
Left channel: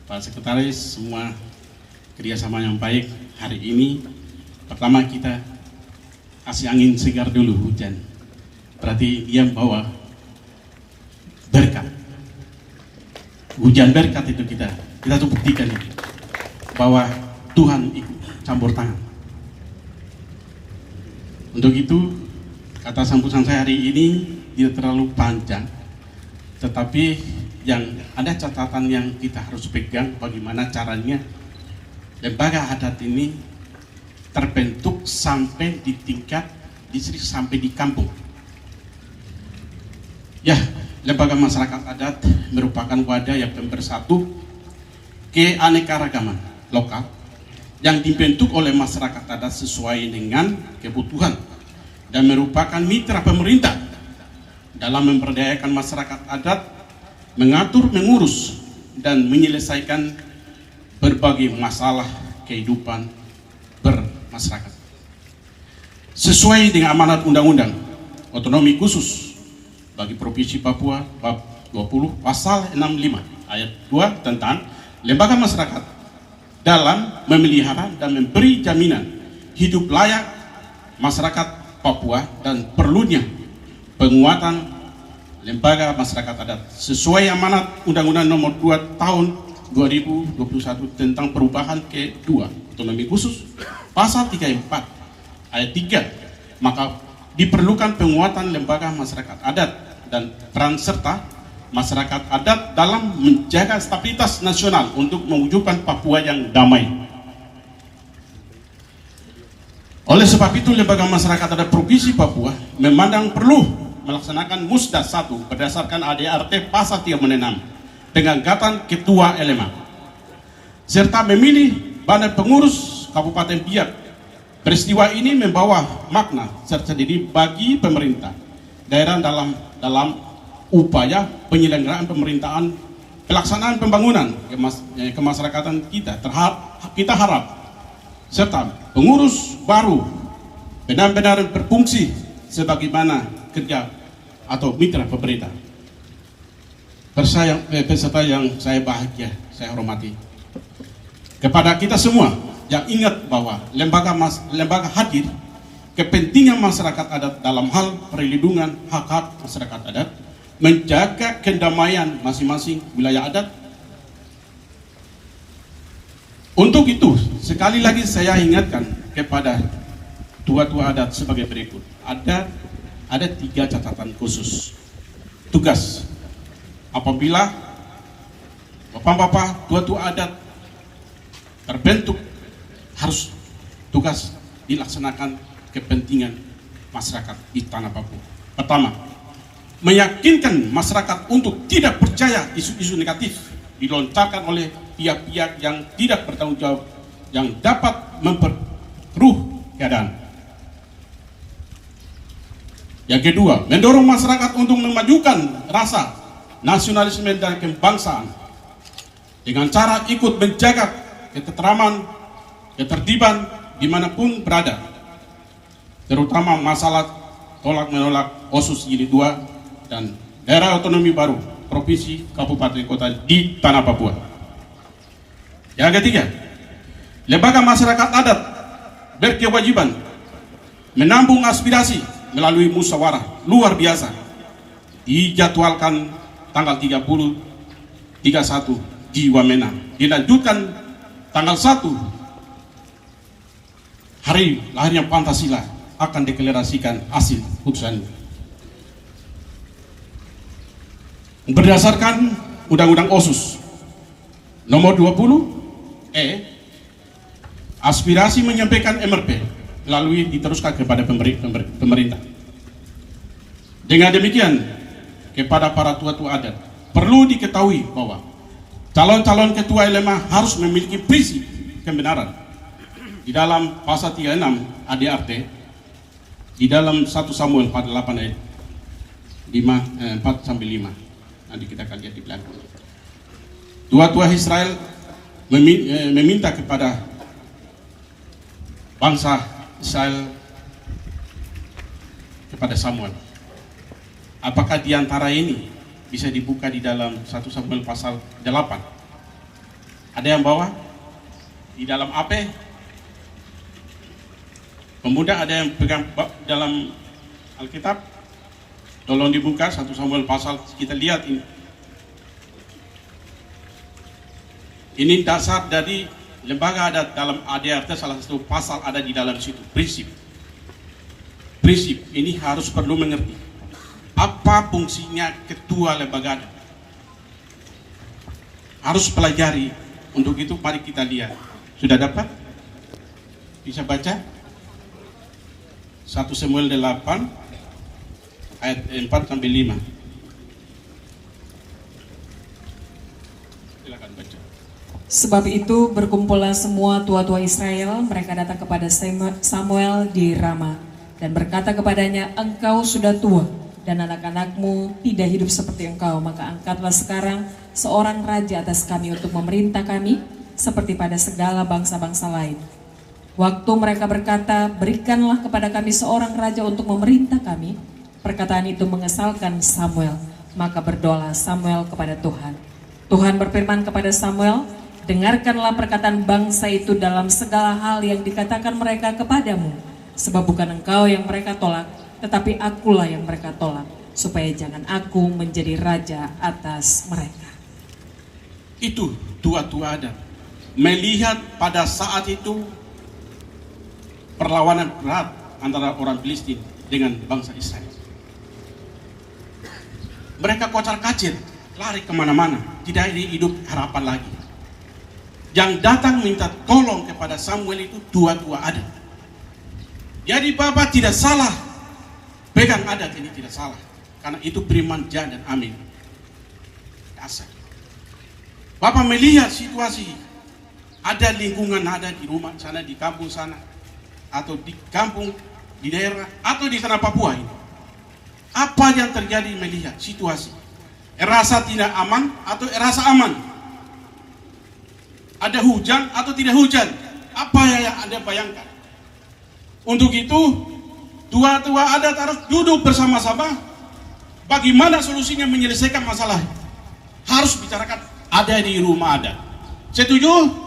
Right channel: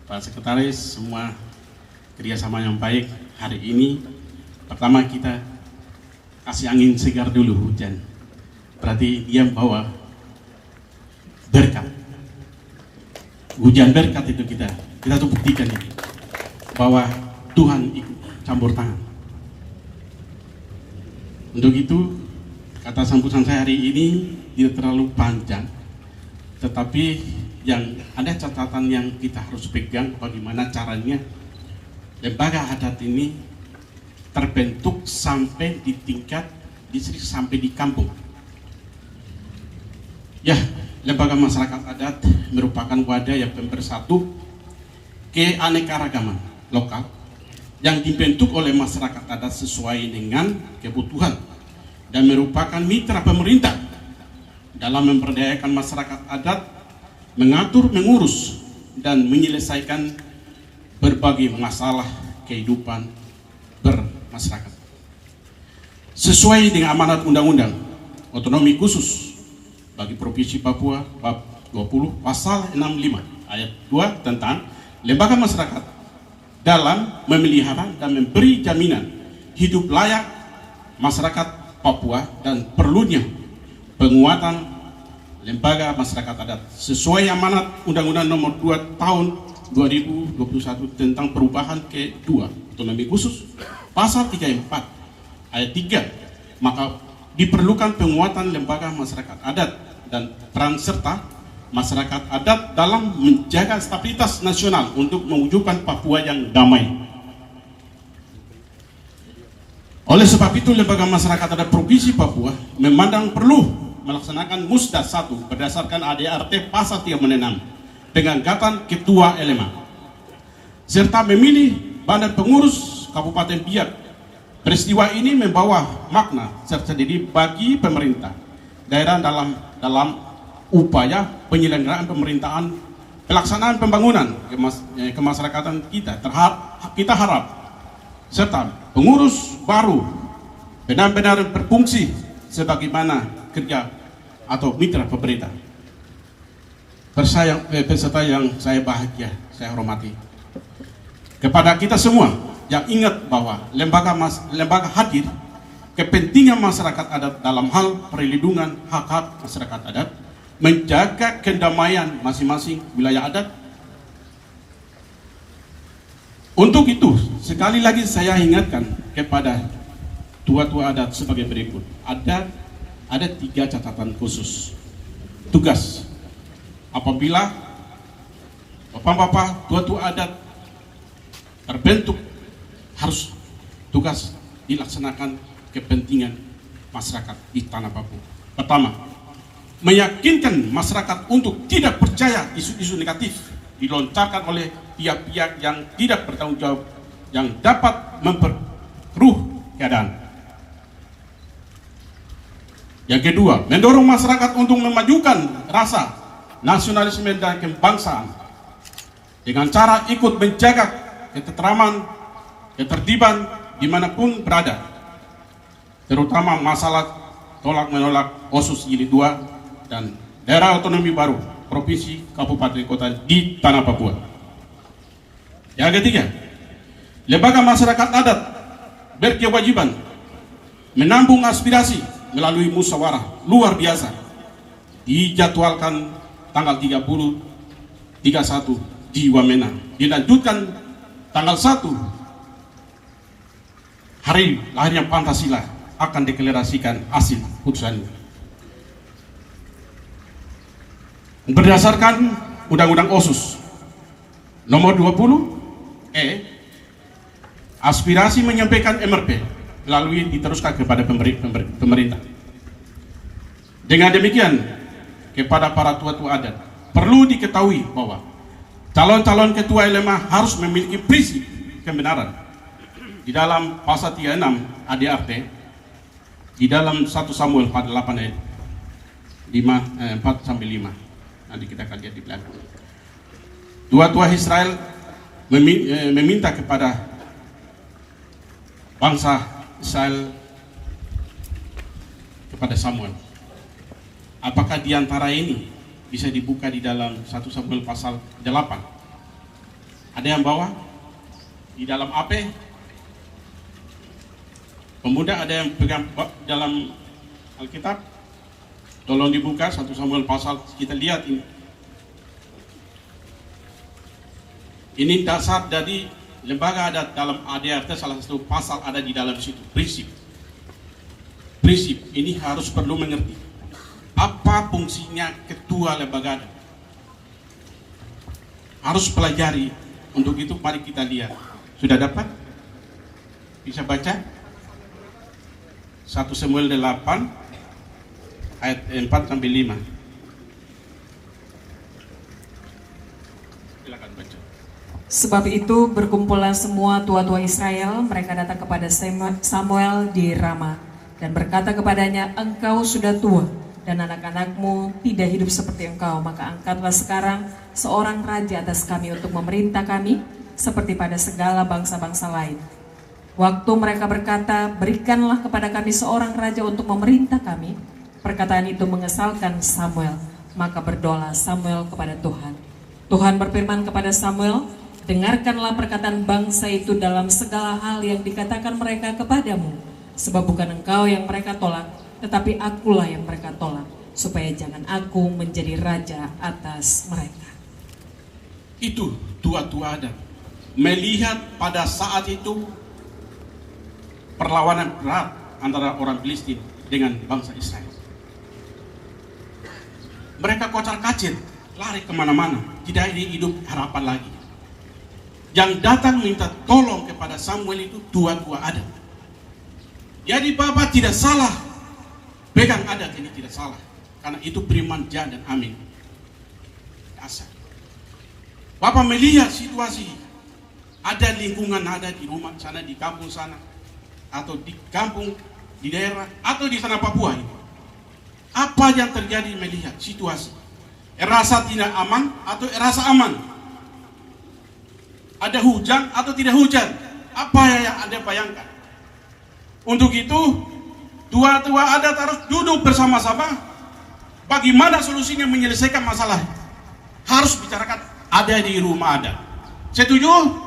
Pak Sekretaris, semua kerjasama yang baik hari ini. Pertama kita kasih angin segar dulu, hujan. Berarti dia membawa berkat. Hujan berkat itu kita tuh buktikan itu bahwa Tuhan ikut campur tangan. Untuk itu kata sambutan saya hari ini tidak terlalu panjang, tetapi yang ada catatan yang kita harus pegang bagaimana caranya lembaga adat ini terbentuk sampai di tingkat distrik sampai di kampung. Ya, lembaga masyarakat adat merupakan wadah yang bersatu keanekaragaman lokal yang dibentuk oleh masyarakat adat sesuai dengan kebutuhan dan merupakan mitra pemerintah dalam memberdayakan masyarakat adat, mengatur, mengurus, dan menyelesaikan berbagai masalah kehidupan bermasyarakat. Sesuai dengan amanat Undang-Undang Otonomi Khusus bagi Provinsi Papua bab 20 pasal 65 ayat 2 tentang lembaga masyarakat dalam memelihara dan memberi jaminan hidup layak masyarakat Papua dan perlunya penguatan lembaga masyarakat adat sesuai amanat Undang-Undang Nomor 2 Tahun 2021 tentang perubahan kedua otonomi khusus pasal 34 ayat 3, maka diperlukan penguatan lembaga masyarakat adat dan peran serta masyarakat adat dalam menjaga stabilitas nasional untuk mewujudkan Papua yang damai. Oleh sebab itu, Lembaga Masyarakat Adat Provinsi Papua memandang perlu melaksanakan Musda 1 berdasarkan ADART pasal 36 dengan gatan ketua LMA, serta memilih badan pengurus Kabupaten Biak. Peristiwa ini membawa makna tersendiri bagi pemerintah daerah dalam upaya penyelenggaraan pemerintahan pelaksanaan pembangunan kemasyarakatan kita harap serta pengurus baru benar-benar berfungsi sebagaimana kerja atau mitra pemerintah. Peserta yang saya bahagia, saya hormati, kepada kita semua yang ingat bahwa lembaga hadir kepentingan masyarakat adat dalam hal perlindungan hak-hak masyarakat adat, menjaga kedamaian masing-masing wilayah adat. Untuk itu, sekali lagi saya ingatkan kepada tua-tua adat sebagai berikut. Ada 3 catatan khusus. Tugas apabila bapak-bapak tua-tua adat terbentuk, harus tugas dilaksanakan kepentingan masyarakat di tanah Papua. Pertama, meyakinkan masyarakat untuk tidak percaya isu-isu negatif dilontarkan oleh pihak-pihak yang tidak bertanggung jawab yang dapat memperkeruh keadaan. Yang kedua, mendorong masyarakat untuk memajukan rasa nasionalisme dan kebangsaan dengan cara ikut menjaga ketentraman, ketertiban dimanapun berada, terutama masalah tolak-menolak OSUS Jilid 2 dan daerah otonomi baru provinsi, kabupaten, kota di tanah Papua. Yang ketiga, lembaga masyarakat adat berkewajiban menampung aspirasi melalui musyawarah luar biasa dijadwalkan tanggal 31 di Wamena, dilanjutkan tanggal 1 hari lahirnya Pancasila akan deklarasikan hasil putusan berdasarkan Undang-Undang OSUS nomor 20 aspirasi menyampaikan MRP melalui diteruskan kepada pemerintah. Dengan demikian, kepada para tua-tua adat perlu diketahui bahwa calon-calon ketua LMA harus memiliki prinsip kebenaran di dalam pasal 36 ADART, di dalam 1 Samuel 48 ayat 4-5. Nanti kita akan lihat di belakang. Tua-tua Israel meminta kepada bangsa Israel kepada Samuel, apakah di antara ini bisa dibuka di dalam 1 Samuel pasal 8? Ada yang bawa di dalam AP? Pemuda ada yang pegang dalam Alkitab? Tolong dibuka 1 Samuel pasal, kita lihat ini. Ini dasar dari lembaga adat dalam ADART, salah satu pasal ada di dalam situ. Prinsip ini harus perlu mengerti apa fungsinya ketua lembaga adat. Harus pelajari. Untuk itu mari kita lihat. Sudah dapat? Bisa baca? 1 Samuel 8 ayat 4-5. Silakan baca. Sebab itu berkumpullah semua tua-tua Israel, mereka datang kepada Samuel di Rama dan berkata kepadanya, engkau sudah tua dan anak-anakmu tidak hidup seperti engkau, maka angkatlah sekarang seorang raja atas kami untuk memerintah kami seperti pada segala bangsa-bangsa lain. Waktu mereka berkata, berikanlah kepada kami seorang raja untuk memerintah kami, perkataan itu mengesalkan Samuel, maka berdoa Samuel kepada Tuhan. Tuhan berfirman kepada Samuel, dengarkanlah perkataan bangsa itu dalam segala hal yang dikatakan mereka kepadamu, Sebab bukan engkau yang mereka tolak, tetapi akulah yang mereka tolak, supaya jangan aku menjadi raja atas mereka. Itu tua-tua adat. Melihat pada saat itu perlawanan berat antara orang Filistin dengan bangsa Israel. Mereka kocar-kacir, lari kemana-mana, tidak ada hidup harapan lagi. Yang datang minta tolong kepada Samuel itu tua-tua adat. Jadi Bapak tidak salah, pegang adat ini tidak salah, karena itu beriman ja dan amin. Asal. Bapak melihat situasi, ada lingkungan ada di rumah sana, di kampung sana, atau di kampung, di daerah, atau di tanah Papua ini. Apa yang terjadi melihat situasi? Rasa tidak aman atau rasa aman? Ada hujan atau tidak hujan? Apa yang Anda bayangkan? Untuk itu, tua-tua adat harus duduk bersama-sama. Bagaimana solusinya menyelesaikan masalah? Harus bicarakan ada di rumah adat. Setuju?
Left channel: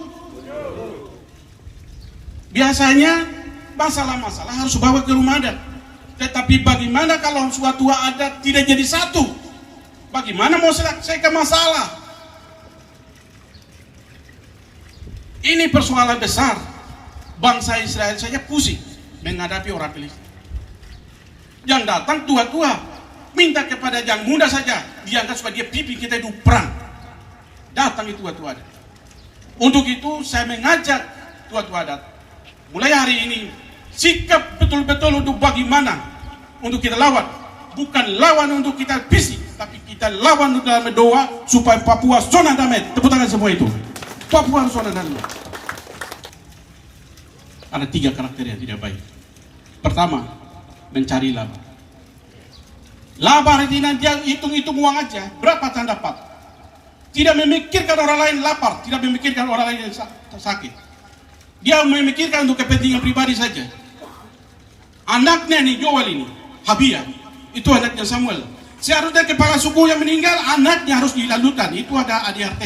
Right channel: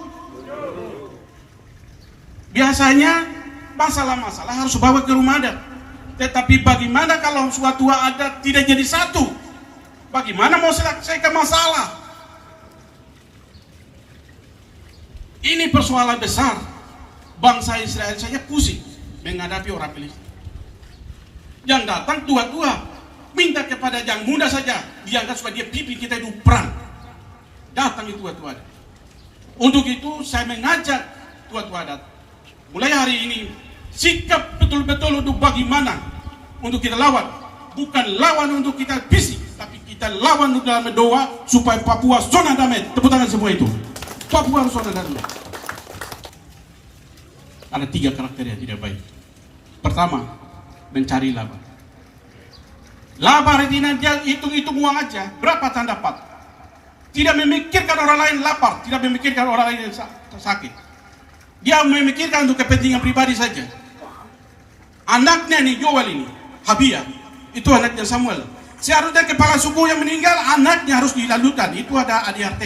Biasanya masalah-masalah harus bawa ke rumah adat. Tetapi bagaimana kalau suatu adat tidak jadi satu? Bagaimana mau selesaikan masalah? Ini persoalan besar. Bangsa Israel saja pusing menghadapi orang Filistin. Yang datang tua-tua, minta kepada yang muda saja, diangkat supaya dia pimpin kita hidup perang. Datang itu tua-tua adat. Untuk itu saya mengajak tua-tua adat, mulai hari ini sikap betul-betul untuk bagaimana untuk kita lawan, bukan lawan untuk kita bisik, tapi kita lawan untuk dalam doa supaya Papua zona damai. Tepuk tangan semua itu. Papua zona damai. Ada 3 karakter yang tidak baik. Pertama, mencari laba. Laba artinya dia hitung-hitung uang aja, berapa Anda dapat. Tidak memikirkan orang lain lapar, tidak memikirkan orang lain yang sakit. Dia memikirkan untuk kepentingan pribadi saja. Anaknya nih Joel ini, Habia, itu anaknya Samuel. Seharusnya kepala suku yang meninggal, anaknya harus dilalukan. Itu ada ADRT.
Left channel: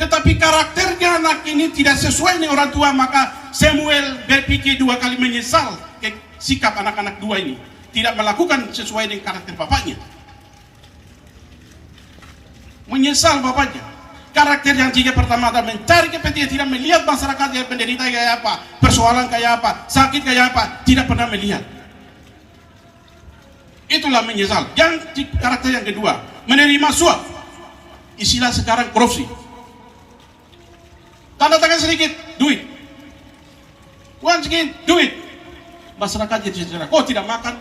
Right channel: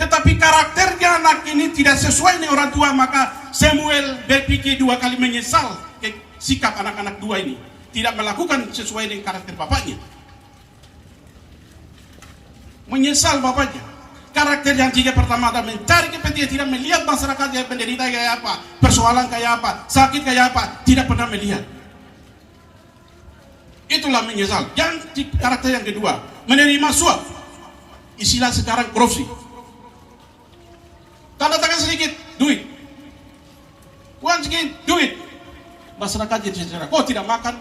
Tetapi karakternya anak ini tidak sesuai dengan orang tua, maka Samuel berpikir 2 kali menyesal sikap anak-anak 2 ini. Tidak melakukan sesuai dengan karakter bapaknya. Menyesal bapaknya. Karakter yang 3 pertama adalah mencari kepentingan, tidak melihat masyarakat yang penderita kayak apa, persoalan kayak apa, sakit kayak apa, tidak pernah melihat. Itulah menyesal. Yang karakter yang kedua, menerima suap. Istilah sekarang korupsi. Tanda tangan sedikit, duit. Uang sedikit, duit. Masyarakat jadi secara, kok tidak makan,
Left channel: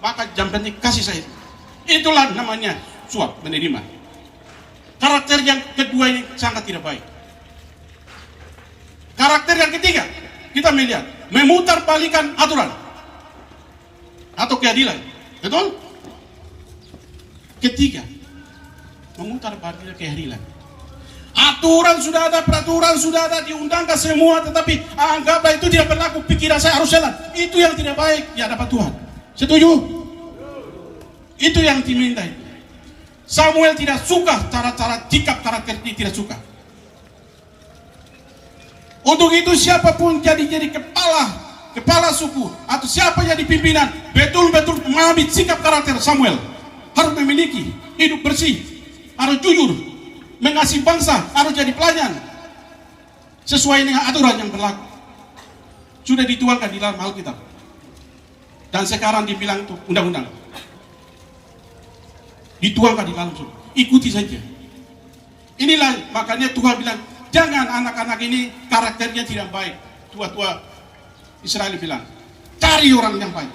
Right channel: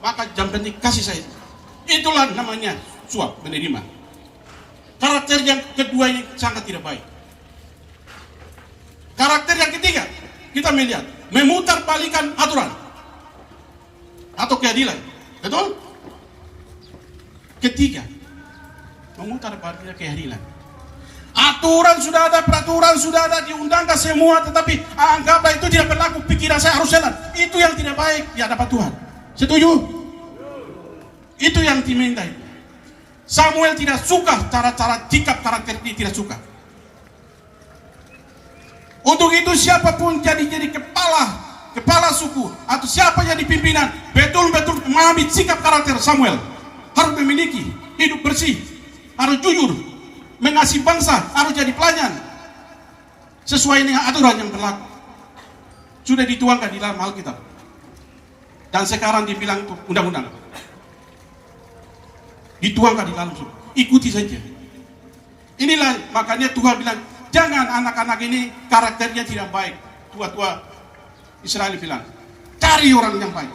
maka jam penting kasih saya. Itulah namanya suap, menerima. Karakter yang kedua ini sangat tidak baik. Karakter yang ketiga, kita melihat memutar balikan aturan atau keadilan. Betul? Ketiga, memutar balikan keadilan. Aturan sudah ada, peraturan sudah ada, diundangkan semua, tetapi anggaplah itu tidak berlaku, pikiran saya harus jalan. Itu yang tidak baik di hadapan Tuhan. Setuju? Itu yang diminta. Samuel tidak suka cara-cara sikap karakter ini, tidak suka. Untuk itu siapapun jadi kepala suku atau siapa jadi pimpinan, betul-betul mengambil sikap karakter Samuel. Harus memiliki hidup bersih, harus jujur, mengasihi bangsa, harus jadi pelayan sesuai dengan aturan yang berlaku. Sudah dituangkan di dalam Alkitab. Dan sekarang dibilang itu undang-undang. Dituangkan di dalam surga. Ikuti saja. Inilah makanya Tuhan bilang, jangan anak-anak ini karakternya tidak baik. Tua-tua Israel bilang, cari orang yang baik,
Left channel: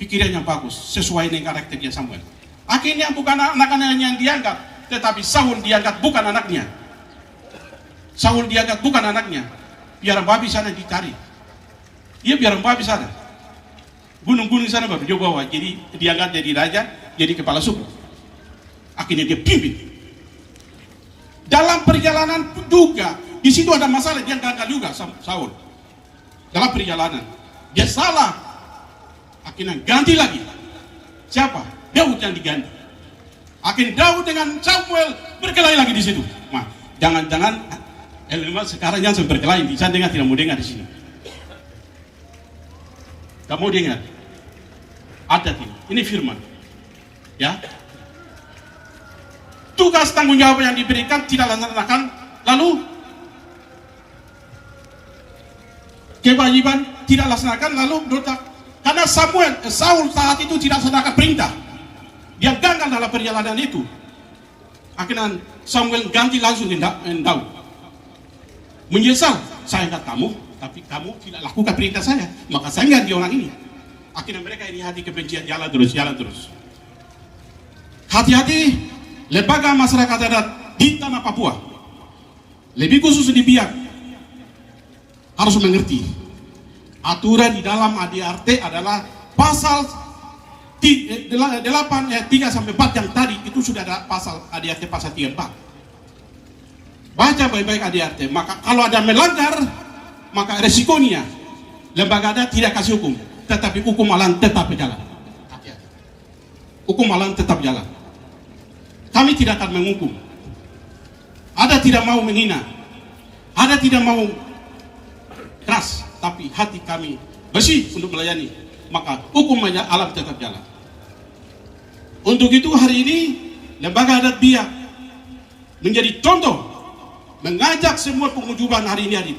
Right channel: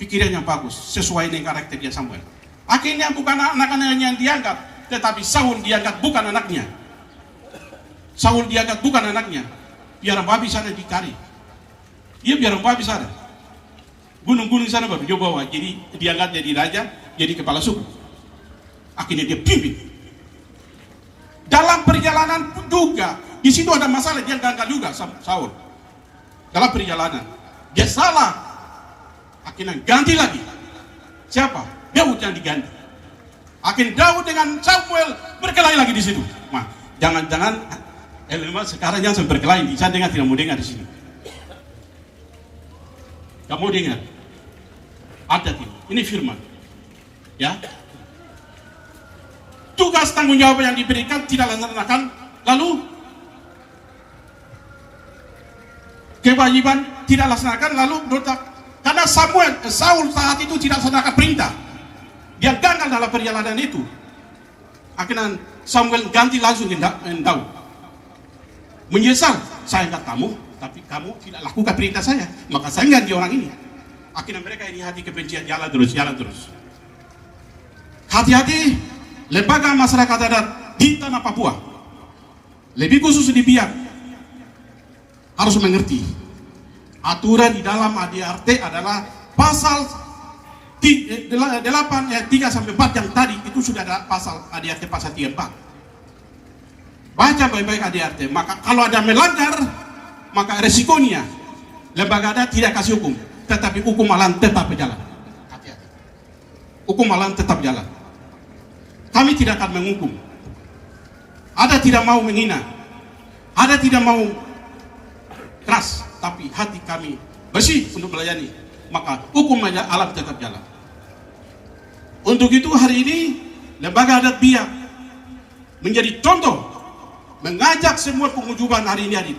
pikiran yang bagus, sesuai dengan karakternya Samuel. Akhirnya bukan anak-anak yang diangkat, tetapi Saul diangkat bukan anaknya. Saul diangkat bukan anaknya. Biar babi sana dicari. Dia biar babi sana. Gunung-gunung sana babi dia bawa. Jadi diangkat jadi raja, jadi kepala suku. Akhirnya dia pimpin. Dalam perjalanan juga, di situ ada masalah, dia gagal juga Saul. Dalam perjalanan, dia salah. Akhirnya ganti lagi. Siapa? Daud yang diganti. Akhirnya Daud dengan Samuel berkelahi lagi di situ. Nah, jangan-jangan sekarang jangan berkelahi. Saya dengar tidak mau dengar di sini. Kamu dengar? Ada ini firman. Ya. Tugas tanggung jawab yang diberikan tidak dilaksanakan, lalu kewajiban tidak laksanakan, lalu karena Saul saat itu tidak laksanakan perintah, dia gagal dalam perjalanan itu. Akhirnya Samuel ganti langsung Daud. Menyesal, saya enggak kamu, tapi kamu tidak lakukan perintah saya, maka saya ganti orang ini. Akhirnya mereka ini hati kebencian jalan terus. Hati-hati lembaga masyarakat adat di tanah Papua, lebih khusus di Biak, harus mengerti aturan di dalam ADRT adalah pasal 8 ayat 3 sampai 4 yang tadi itu sudah ada pasal ADRT pasal 34. Baca baik-baik ADRT, maka kalau ada melanggar, maka resikonya lembaga adat tidak kasih hukum, tetapi hukum malam tetap berjalan. Hati-hati. Hukum malam tetap jalan. Kami tidak akan menghukum. Ada tidak mau menghina, ada tidak mau keras, tapi hati kami bersih untuk melayani, maka hukum alam tetap jalan. Untuk itu hari ini lembaga adat Biak menjadi contoh, mengajak semua pengujuban hari ini.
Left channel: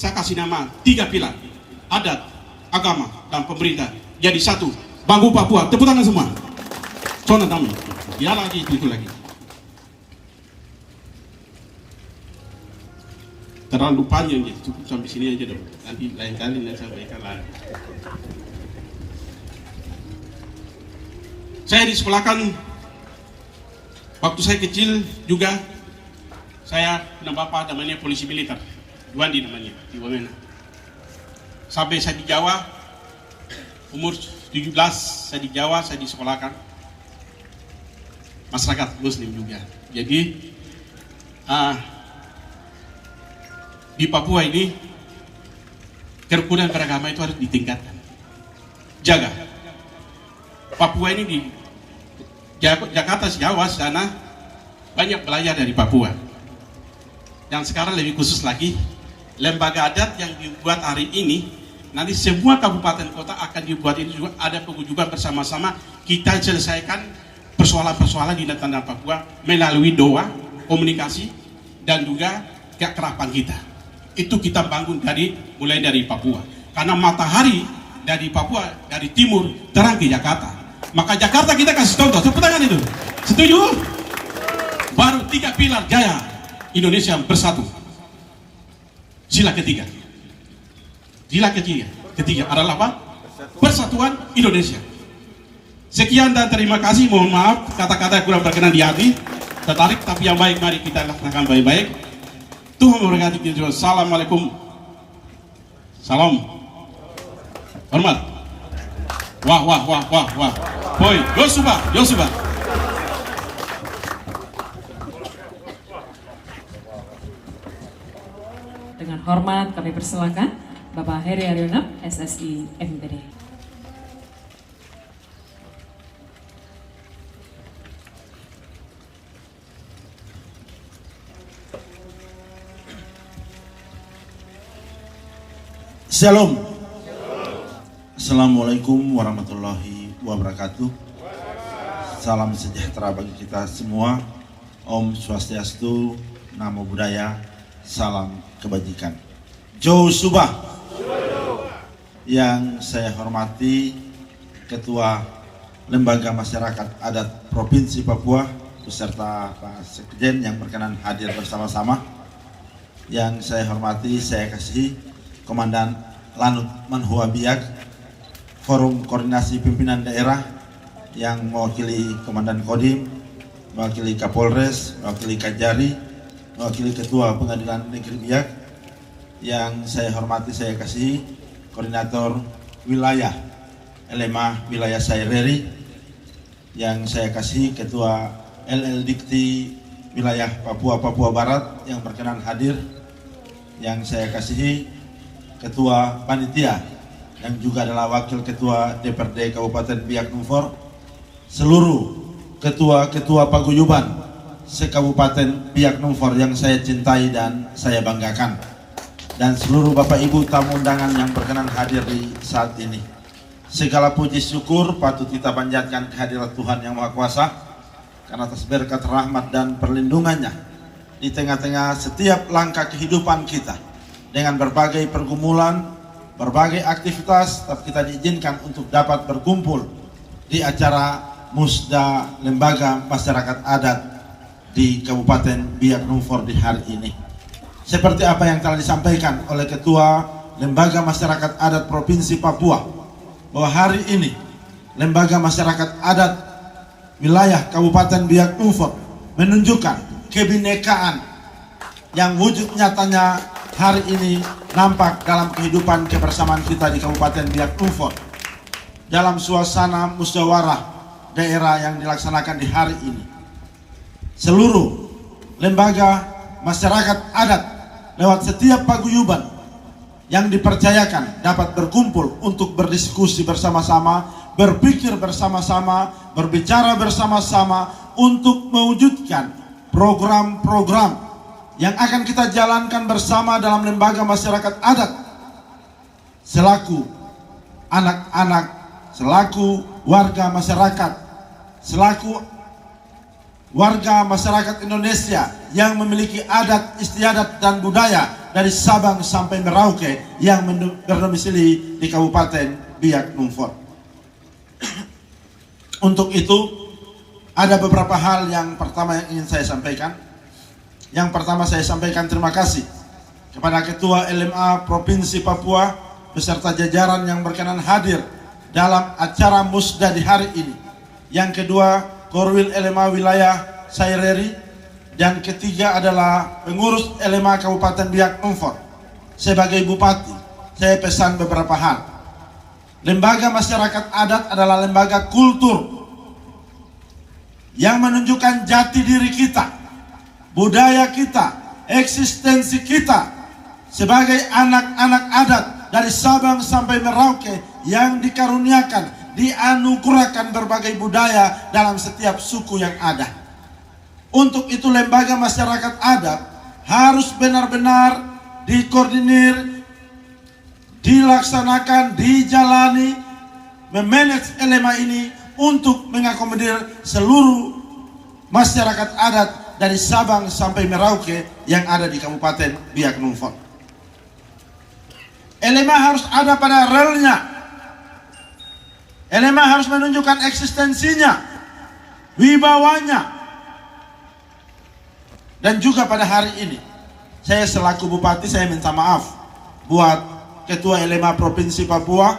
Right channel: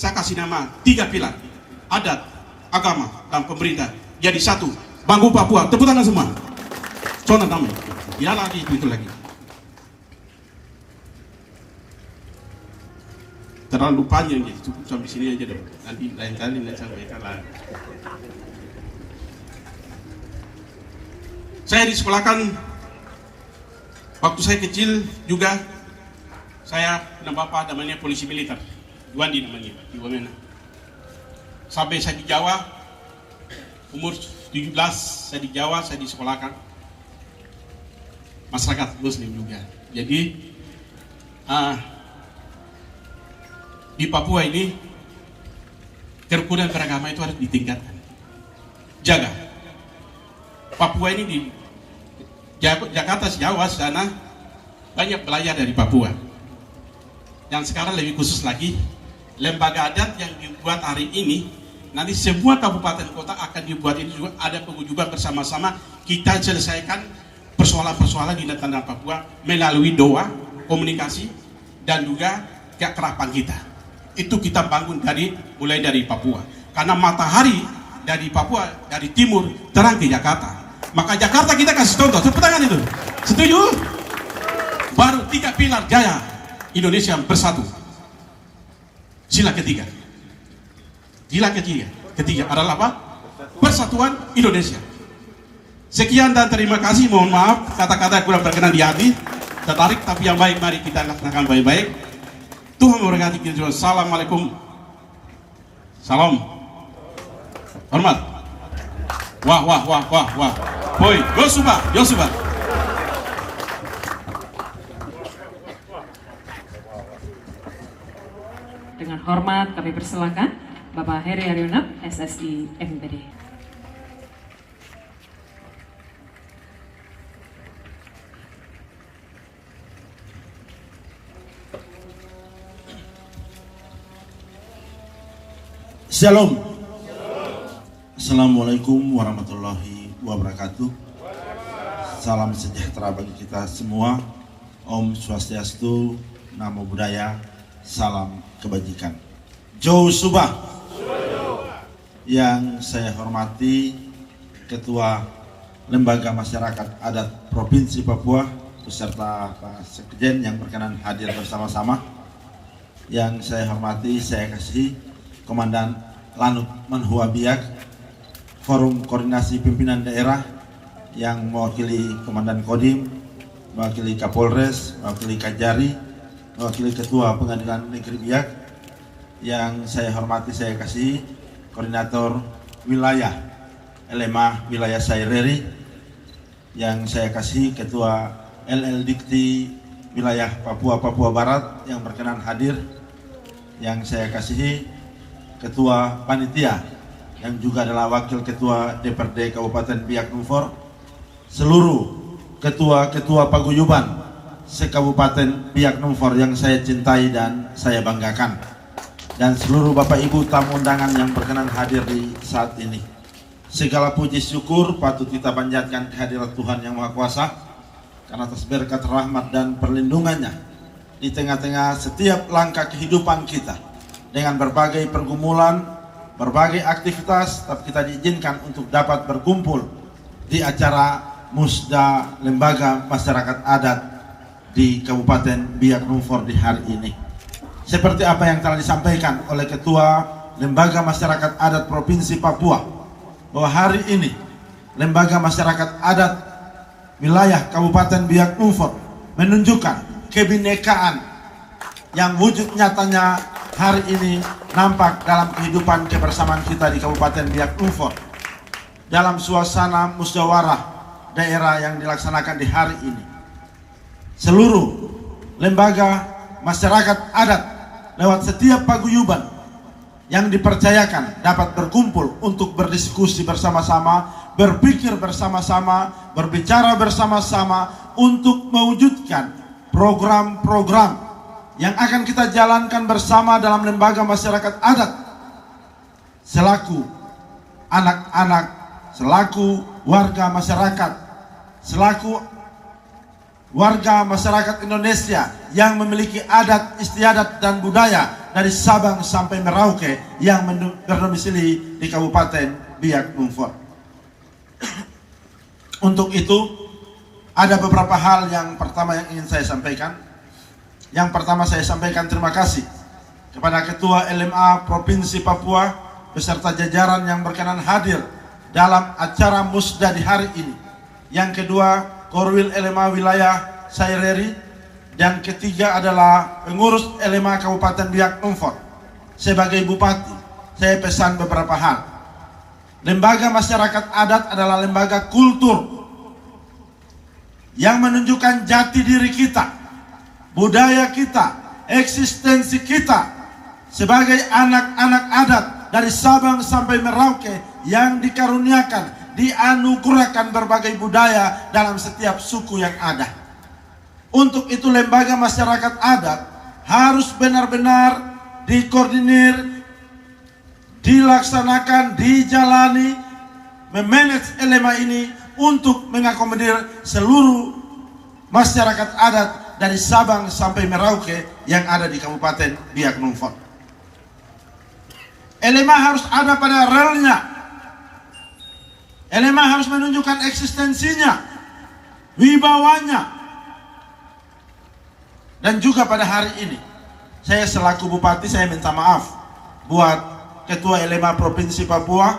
Saya kasih nama 3 pilar: adat, agama, dan pemerintah jadi satu. Bangku Papua, tepuk tangan semua. Contoh namanya. Ya lagi itu lagi. Terlalu panjang jadi cukup sampai sini aja deh. Nanti lain kali saya sampaikan lagi. Saya disekolahkan waktu saya kecil juga. Saya dan bapak namanya polisi militer, Wandi namanya, di Wamena. Sampai saya di Jawa, umur 17 saya di Jawa, saya disekolahkan. Masyarakat Muslim juga. Jadi di Papua ini kerukunan beragama itu harus ditingkatkan. Jaga. Papua ini di Jakarta, Jawa sana banyak belajar dari Papua. Dan sekarang lebih khusus lagi, lembaga adat yang dibuat hari ini, nanti semua kabupaten kota akan dibuat ini juga ada pengujuban bersama-sama. Kita selesaikan persoalan-persoalan di tanah Papua melalui doa, komunikasi, dan juga keakraban kita. Itu kita bangun mulai dari Papua. Karena matahari dari Papua, dari timur, terang ke Jakarta. Maka Jakarta kita kasih contoh, tepuk tangan itu. Setuju? Baru 3 pilar jaya Indonesia bersatu. Sila ketiga. Sila ketiga adalah apa? Persatuan Indonesia. Sekian dan terima kasih. Mohon maaf kata-kata kurang berkenan di hati. Tertarik tapi yang baik mari kita laksanakan baik-baik. Tuhan memberkati kita. Assalamualaikum. Salam. Hormat. Wah. Boy, Yosuba. Dengan hormat kami persilakan Bapak Heri Haryono, SSI MPD. Shalom. Assalamualaikum warahmatullahi wabarakatuh. Salam sejahtera bagi kita semua. Om Swastiastu, Namo Buddhaya, salam kebajikan. Jauh Subah. Yang saya hormati Ketua Lembaga Masyarakat Adat Provinsi Papua beserta Pak Sekjen yang berkenan hadir bersama-sama. Yang saya hormati, saya kasih Komandan Lanut Manhua Biak, Forum Koordinasi Pimpinan Daerah yang mewakili Komandan Kodim, mewakili Kapolres, mewakili Kajari, mewakili Ketua Pengadilan Negeri Biak. Yang saya hormati, saya kasih Koordinator Wilayah LMA Wilayah Saireri. Yang saya kasih Ketua LL Dikti Wilayah Papua Barat yang berkenan hadir. Yang saya kasih Ketua Panitia yang juga adalah Wakil Ketua DPRD Kabupaten Biak Numfor, seluruh ketua-ketua paguyuban se-Kabupaten Biak Numfor yang saya cintai dan saya banggakan, dan seluruh Bapak Ibu tamu undangan yang berkenan hadir di saat ini. Segala puji syukur patut kita panjatkan kehadirat Tuhan Yang Maha Kuasa karena atas berkat rahmat dan perlindungannya di tengah-tengah setiap langkah kehidupan kita. Dengan berbagai pergumulan, berbagai aktivitas, tetap kita diizinkan untuk dapat berkumpul di acara Musda Lembaga Masyarakat Adat di Kabupaten Biak Numfor di hari ini. Seperti apa yang telah disampaikan oleh Ketua Lembaga Masyarakat Adat Provinsi Papua, bahwa hari ini Lembaga Masyarakat Adat Wilayah Kabupaten Biak Numfor menunjukkan kebinekaan yang wujud nyatanya hari ini nampak dalam kehidupan kebersamaan kita di Kabupaten Biak Numfor dalam suasana musyawarah daerah yang dilaksanakan di hari ini. Seluruh lembaga masyarakat adat lewat setiap paguyuban yang dipercayakan dapat berkumpul untuk berdiskusi bersama-sama, berpikir bersama-sama, berbicara bersama-sama untuk mewujudkan program-program yang akan kita jalankan bersama dalam lembaga masyarakat adat selaku anak-anak, selaku warga masyarakat, selaku warga masyarakat Indonesia yang memiliki adat istiadat dan budaya dari Sabang sampai Merauke yang berdomisili di Kabupaten Biak Numfor. Untuk itu ada beberapa hal yang pertama yang ingin saya sampaikan. Yang pertama saya sampaikan terima kasih kepada Ketua LMA Provinsi Papua beserta jajaran yang berkenan hadir dalam acara Musda di hari ini. Yang kedua, Korwil LMA Wilayah Saireri. Dan ketiga adalah pengurus LMA Kabupaten Biak Numfor. Sebagai bupati, saya pesan beberapa hal. Lembaga masyarakat adat adalah lembaga kultur yang menunjukkan jati diri kita, budaya kita, eksistensi kita sebagai anak-anak adat dari Sabang sampai Merauke yang dikaruniakan, dianugerahkan berbagai budaya dalam setiap suku yang ada. Untuk itu lembaga masyarakat adat harus benar-benar dikoordinir, dilaksanakan, dijalani, memanage LMA ini untuk mengakomodir seluruh masyarakat adat dari Sabang sampai Merauke yang ada di Kabupaten Biak Numfor. LMA harus ada pada relnya. LMA harus menunjukkan eksistensinya, wibawanya. Dan juga pada hari ini, saya selaku bupati, saya minta maaf buat Ketua LMA Provinsi Papua,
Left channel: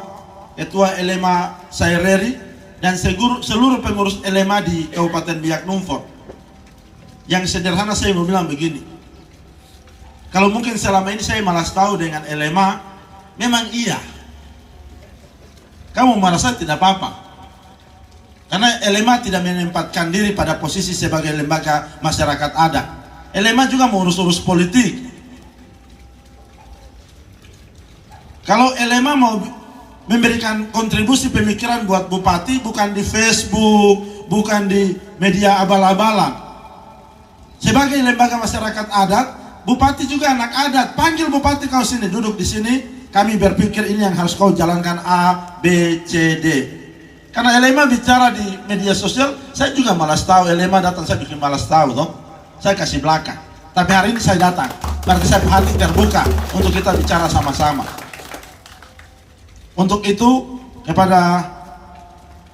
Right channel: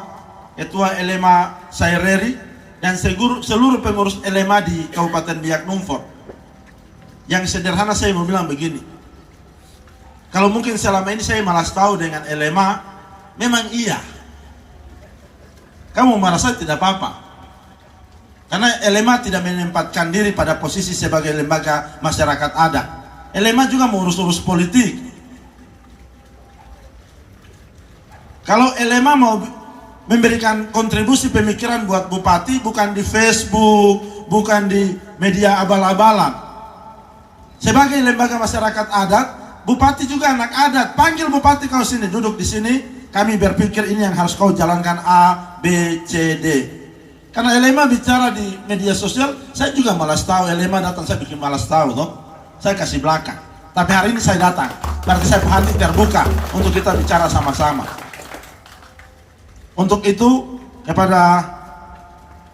Ketua LMA Saireri, dan seluruh pengurus LMA di Kabupaten Biak Numfor. Yang sederhana saya mau bilang begini, kalau mungkin selama ini saya malas tahu dengan LMA, memang iya, kamu merasa tidak apa-apa, karena LMA tidak menempatkan diri pada posisi sebagai lembaga masyarakat adat. LMA juga mengurus-urus politik. Kalau LMA mau memberikan kontribusi pemikiran buat bupati, bukan di Facebook, bukan di media abal-abalan. Sebagai lembaga masyarakat adat, bupati juga anak adat. Panggil bupati, kau sini, duduk di sini. Kami berpikir ini yang harus kau jalankan A, B, C, D. Karena LMA bicara di media sosial, saya juga malas tahu. LMA datang, saya bikin malas tahu, toh. Saya kasih belakang. Tapi hari ini saya datang, berarti saya hati terbuka untuk kita bicara sama-sama. Untuk itu, kepada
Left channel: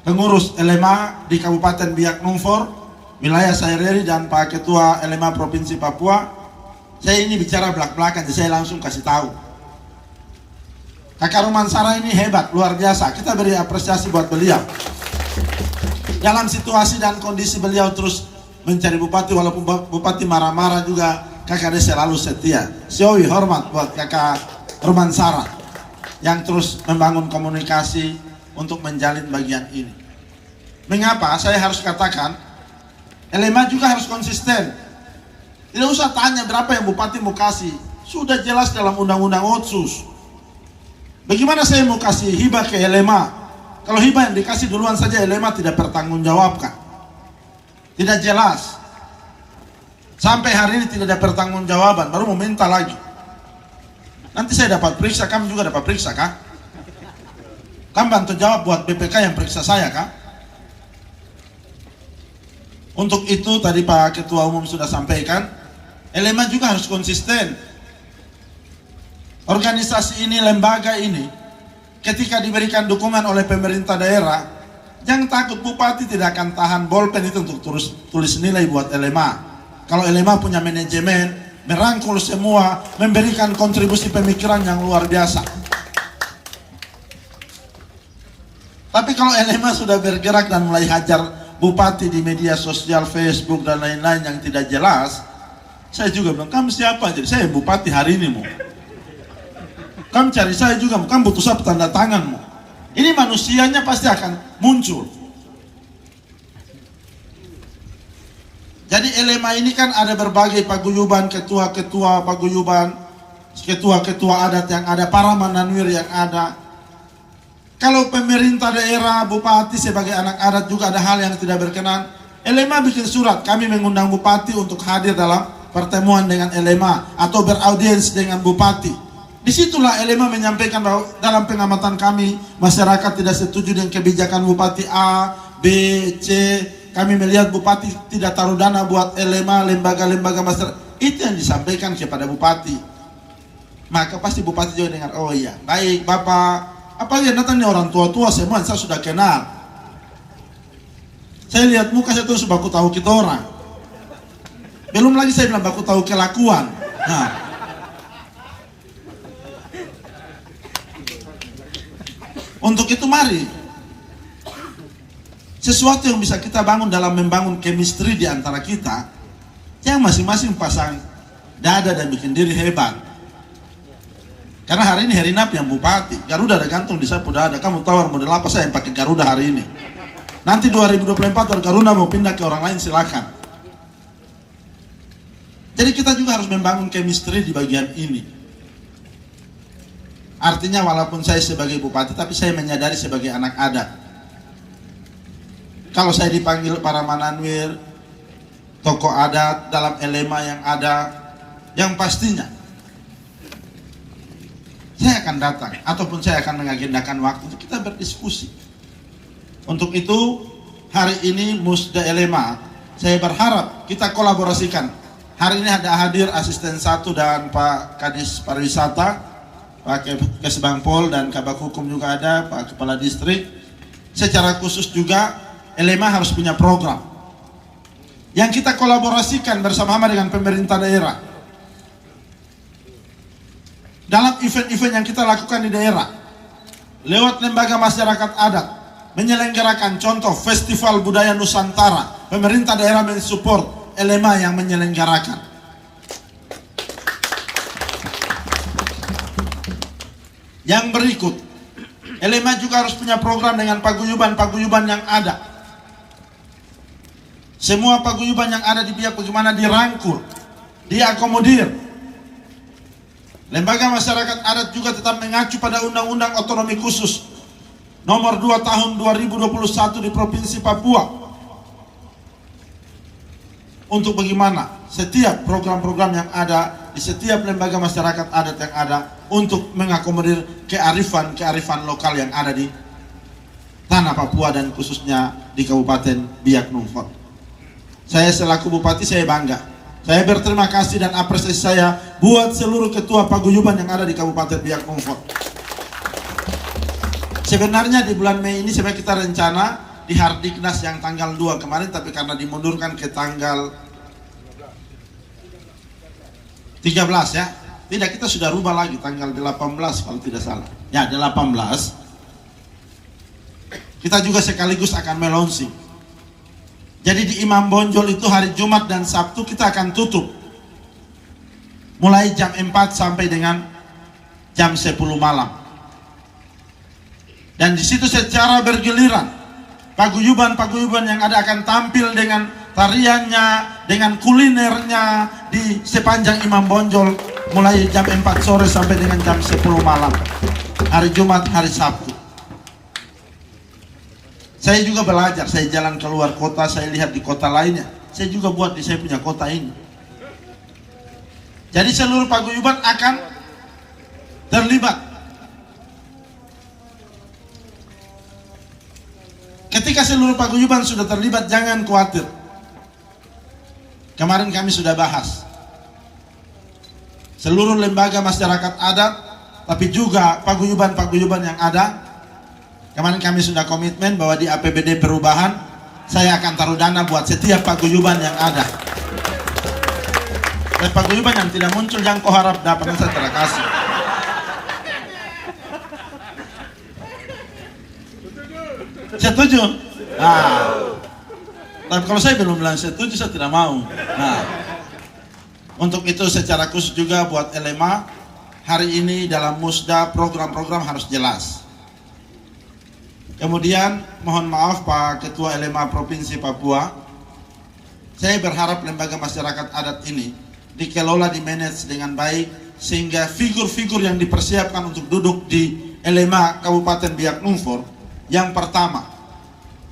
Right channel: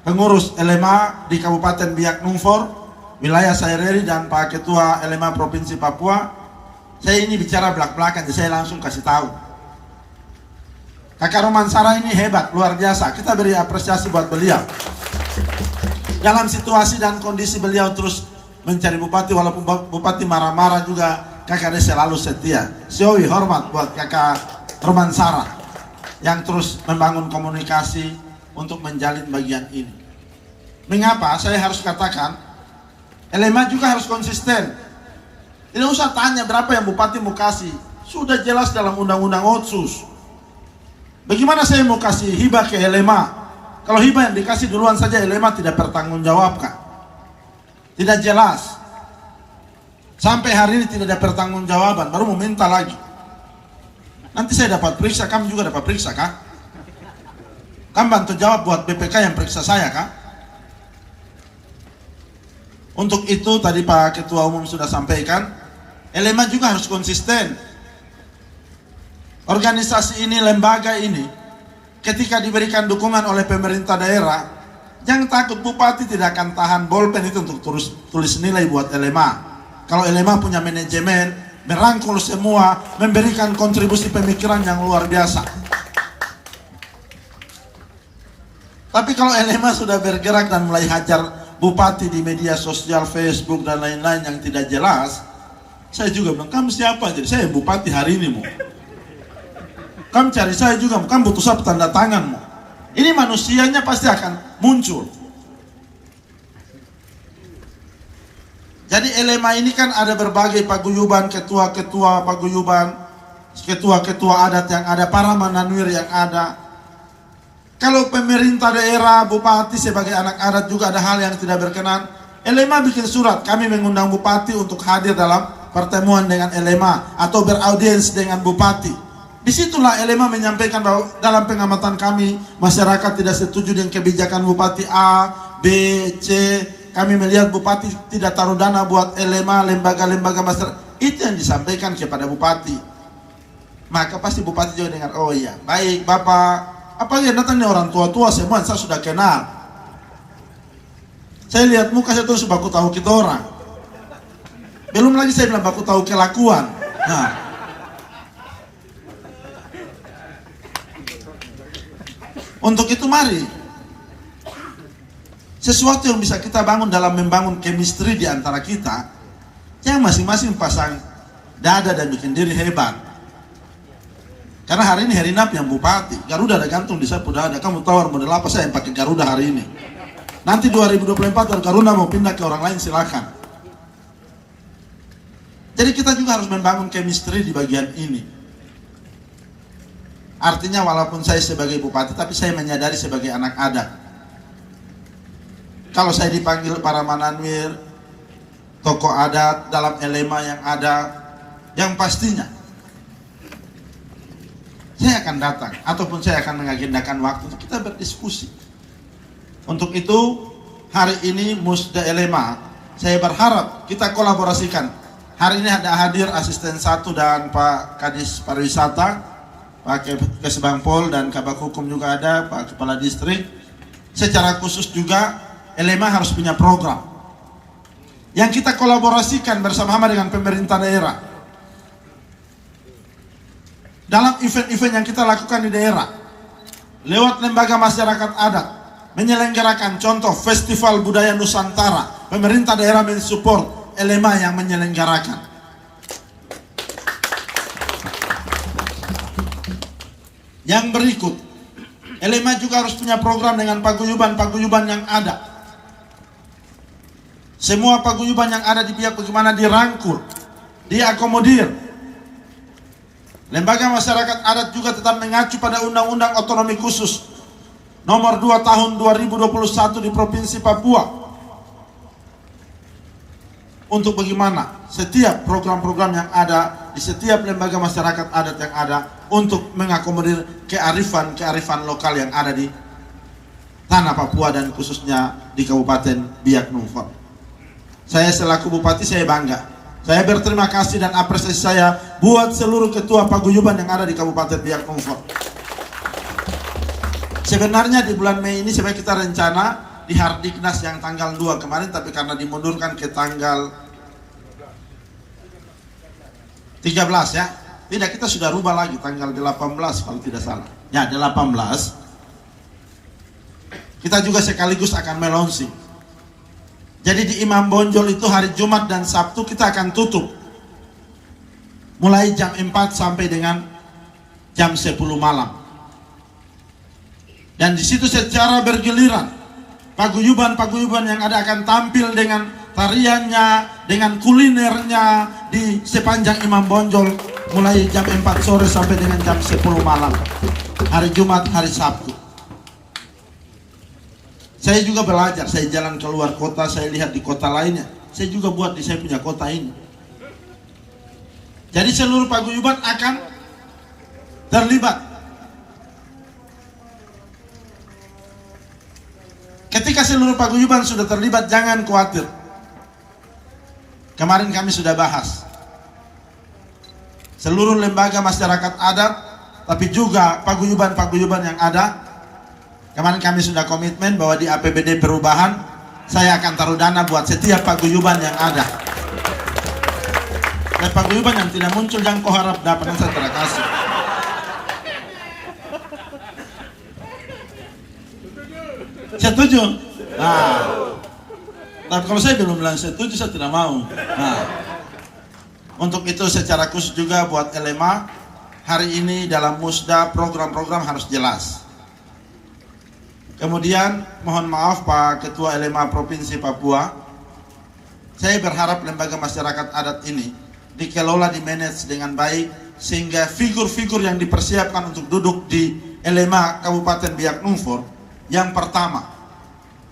pengurus LMA di Kabupaten Biak Numfor, wilayah Saireri, dan Pak Ketua LMA Provinsi Papua, saya ini bicara belak-belakan, jadi saya langsung kasih tahu. Kakak Romansara ini hebat, luar biasa. Kita beri apresiasi buat beliau. Dalam situasi dan kondisi beliau terus mencari bupati, walaupun bupati marah-marah juga, kakak dia selalu setia. Siowi hormat buat kakak Romansara yang terus membangun komunikasi untuk menjalin bagian ini. Mengapa saya harus katakan LMA juga harus konsisten. Tidak usah tanya berapa yang bupati mau kasih, sudah jelas dalam undang-undang Otsus. Bagaimana saya mau kasih hibah ke LMA? Kalau hibah yang dikasih duluan saja LMA tidak bertanggungjawabkan. Tidak jelas. Sampai hari ini tidak ada pertanggungjawaban, baru mau minta lagi. Nanti saya dapat periksa, kamu juga dapat periksa kah? Kan bantu jawab buat BPK yang periksa saya kan? Untuk itu tadi Pak Ketua Umum sudah sampaikan, LMA juga harus konsisten. Organisasi ini, lembaga ini, ketika diberikan dukungan oleh pemerintah daerah, jangan takut, bupati tidak akan tahan bolpen itu untuk tulis nilai buat LMA. Kalau LMA punya manajemen, merangkul semua, memberikan kontribusi pemikiran yang luar biasa. Tapi kalau LMA sudah bergerak dan mulai hajar bupati di media sosial, Facebook dan lain-lain yang tidak jelas, saya juga bilang, kamu siapa? Jadi saya bupati hari ini, kamu cari saya juga, kamu butuh saya tanda tanganmu. Ini manusianya pasti akan muncul. Jadi LMA ini kan ada berbagai paguyuban, ketua-ketua paguyuban, ketua-ketua adat yang ada, para mananwir yang ada. Kalau pemerintah daerah, bupati sebagai anak adat juga ada hal yang tidak berkenan, LMA bikin surat, kami mengundang bupati untuk hadir dalam pertemuan dengan LMA atau beraudiens dengan bupati. Disitulah LMA menyampaikan bahwa dalam pengamatan kami, masyarakat tidak setuju dengan kebijakan bupati A, B, C. Kami melihat bupati tidak taruh dana buat LMA, lembaga-lembaga masyarakat. Itu yang disampaikan kepada bupati. Maka pasti bupati juga dengar, oh iya, baik Bapak. Apalagi datangnya orang tua-tua semua, saya sudah kenal. Saya lihat muka saya tuh baku tahu kita orang. Belum lagi saya bilang baku tahu kelakuan. Nah, untuk itu mari sesuatu yang bisa kita bangun dalam membangun chemistry di antara kita, jangan masing-masing pasang dada dan bikin diri hebat. Karena hari ini Herinap yang bupati, Garuda ada gantung di sapu dada. Kamu tahu model apa saya yang pakai Garuda hari ini. Nanti 2024 Garuda mau pindah ke orang lain silakan. Jadi kita juga harus membangun chemistry di bagian ini. Artinya walaupun saya sebagai bupati, tapi saya menyadari sebagai anak adat. Kalau saya dipanggil para mananwir, tokoh adat dalam LMA yang ada, yang pastinya saya akan datang, ataupun saya akan mengagendakan waktu untuk kita berdiskusi. Untuk itu, hari ini Musda LMA, saya berharap kita kolaborasikan. Hari ini ada hadir asisten 1 dan Pak Kadis Pariwisata, Pak Kesbangpol dan Kabak Hukum juga ada, Pak Kepala Distrik. Secara khusus juga, LMA harus punya program yang kita kolaborasikan bersama-sama dengan pemerintah daerah. Dalam event-event yang kita lakukan di daerah, lewat lembaga masyarakat adat, menyelenggarakan contoh Festival Budaya Nusantara, pemerintah daerah mensupport LMA yang menyelenggarakan. Yang berikut, LMA juga harus punya program dengan paguyuban-paguyuban yang ada. Semua paguyuban yang ada di pihak bagaimana dirangkul, diakomodir. Lembaga masyarakat adat juga tetap mengacu pada Undang-Undang Otonomi Khusus Nomor 2 Tahun 2021 di Provinsi Papua. Untuk bagaimana setiap program-program yang ada di setiap lembaga masyarakat adat yang ada untuk mengakomodir kearifan lokal yang ada di tanah Papua dan khususnya di Kabupaten Biak Numfor. Saya selaku bupati saya bangga. Saya berterima kasih dan apresiasi saya buat seluruh ketua paguyuban yang ada di Kabupaten Biak Numfor. Sebenarnya di bulan Mei ini sebenarnya kita rencana di Hardiknas yang tanggal 2 kemarin, tapi karena dimundurkan ke tanggal 13 ya. Tidak, kita sudah rubah lagi tanggal 18 kalau tidak salah. Ya, 18. Kita juga sekaligus akan melonsing. Jadi di Imam Bonjol itu hari Jumat dan Sabtu kita akan tutup. Mulai jam 4 sampai dengan jam 10 malam. Dan di situ secara bergiliran paguyuban-paguyuban yang ada akan tampil dengan tariannya, dengan kulinernya di sepanjang Imam Bonjol mulai jam 4 sore sampai dengan jam 10 malam. Hari Jumat, hari Sabtu. Saya juga belajar, saya jalan keluar kota, saya lihat di kota lainnya. Saya juga buat di saya punya kota ini. Jadi seluruh paguyuban akan terlibat. Ketika seluruh paguyuban sudah terlibat, jangan khawatir. Kemarin kami sudah bahas seluruh lembaga masyarakat adat, tapi juga paguyuban-paguyuban yang ada. Kemarin kami sudah komitmen bahwa di APBD perubahan saya akan taruh dana buat setiap paguyuban yang ada. Dan paguyuban yang tidak muncul jangan kau harap dapat, saya tidak kasih. Setuju? Nah, tapi kalau saya belum bilang setuju, saya tidak mau. Nah, untuk itu secara khusus juga buat LMA, hari ini dalam musda program-program harus jelas. Kemudian mohon maaf Pak Ketua LMA Provinsi Papua, saya berharap lembaga masyarakat adat ini dikelola, dimanage dengan baik, sehingga figur-figur yang dipersiapkan untuk duduk di LMA Kabupaten Biak Numfor, yang pertama,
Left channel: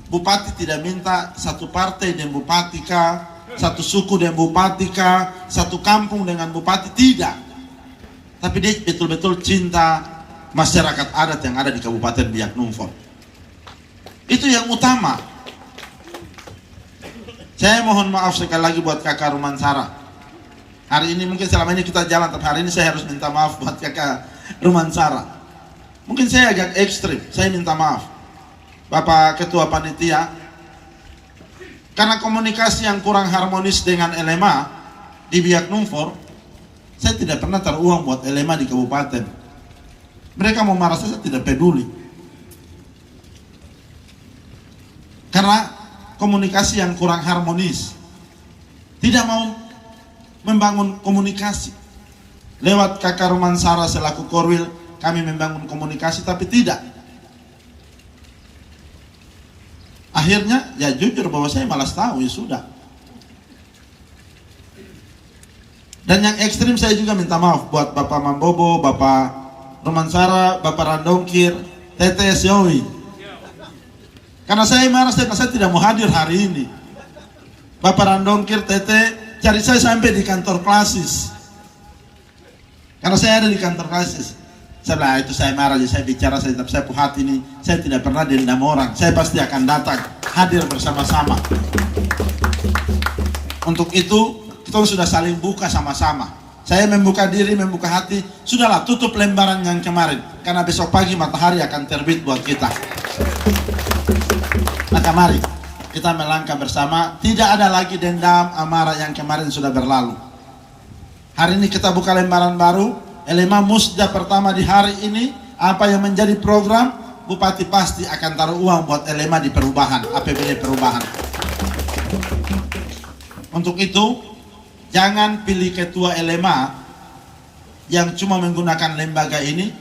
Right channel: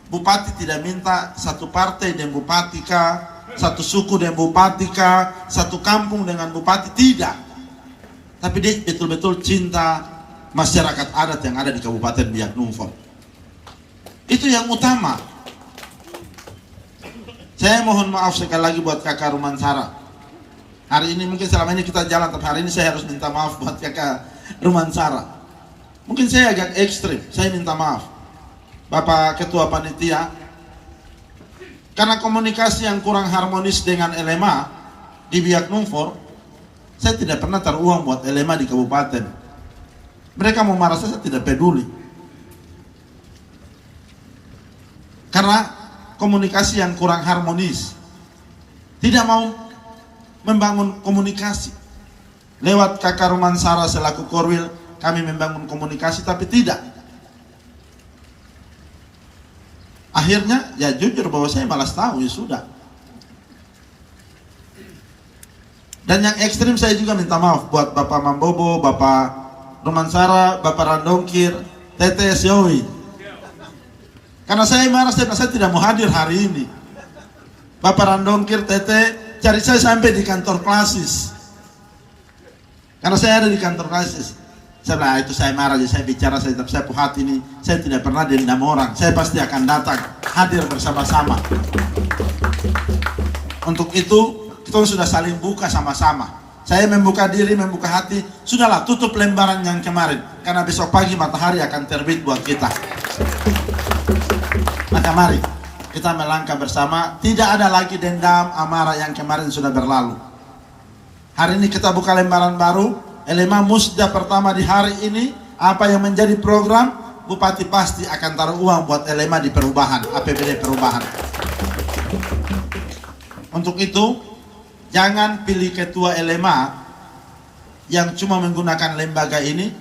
Bupati tidak minta satu partai dengan Bupati kah, satu suku dengan Bupati kah, satu kampung dengan Bupati, tidak. Tapi dia betul-betul cinta masyarakat adat yang ada di Kabupaten Biak Numfor. Itu yang utama. Saya mohon maaf sekali lagi buat kakak Rumansara. Hari ini mungkin selama ini kita jalan, tapi hari ini saya harus minta maaf buat kakak Rumansara. Mungkin saya agak ekstrim, saya minta maaf Bapak Ketua Panitia, karena komunikasi yang kurang harmonis dengan LMA di Biak Numfor. Saya tidak pernah teruang buat LMA di kabupaten. Mereka mau marah saya tidak peduli, karena komunikasi yang kurang harmonis. Tidak mau membangun komunikasi. Lewat kakak Rumansara selaku Korwil kami membangun komunikasi, tapi tidak. Akhirnya ya jujur bahwa saya malas tahu, ya sudah. Dan yang ekstrim saya juga minta maaf buat Bapak Mambobo, Bapak Rumansara, Bapak Randongkir, Tete Siowi. Karena saya marah, saya tidak mau hadir hari ini. Bapak Randongkir, Tete cari saya sampai di kantor Klasis. Karena saya ada di kantor Klasis. Setelah itu saya marah, saya bicara, saya tetap saya hati ini, saya tidak pernah dendam orang, saya pasti akan datang, hadir bersama-sama. Untuk itu, kita sudah saling buka sama-sama. Saya membuka diri, membuka hati, sudahlah tutup lembaran yang kemarin, karena besok pagi matahari akan terbit buat kita. Maka mari, kita melangkah bersama, tidak ada lagi dendam, amarah yang kemarin sudah berlalu. Hari ini kita buka lembaran baru. LMA musda pertama di hari ini, apa yang menjadi program, Bupati pasti akan taruh uang buat LMA di perubahan, APBD perubahan. Untuk itu, jangan pilih ketua LMA yang cuma menggunakan lembaga ini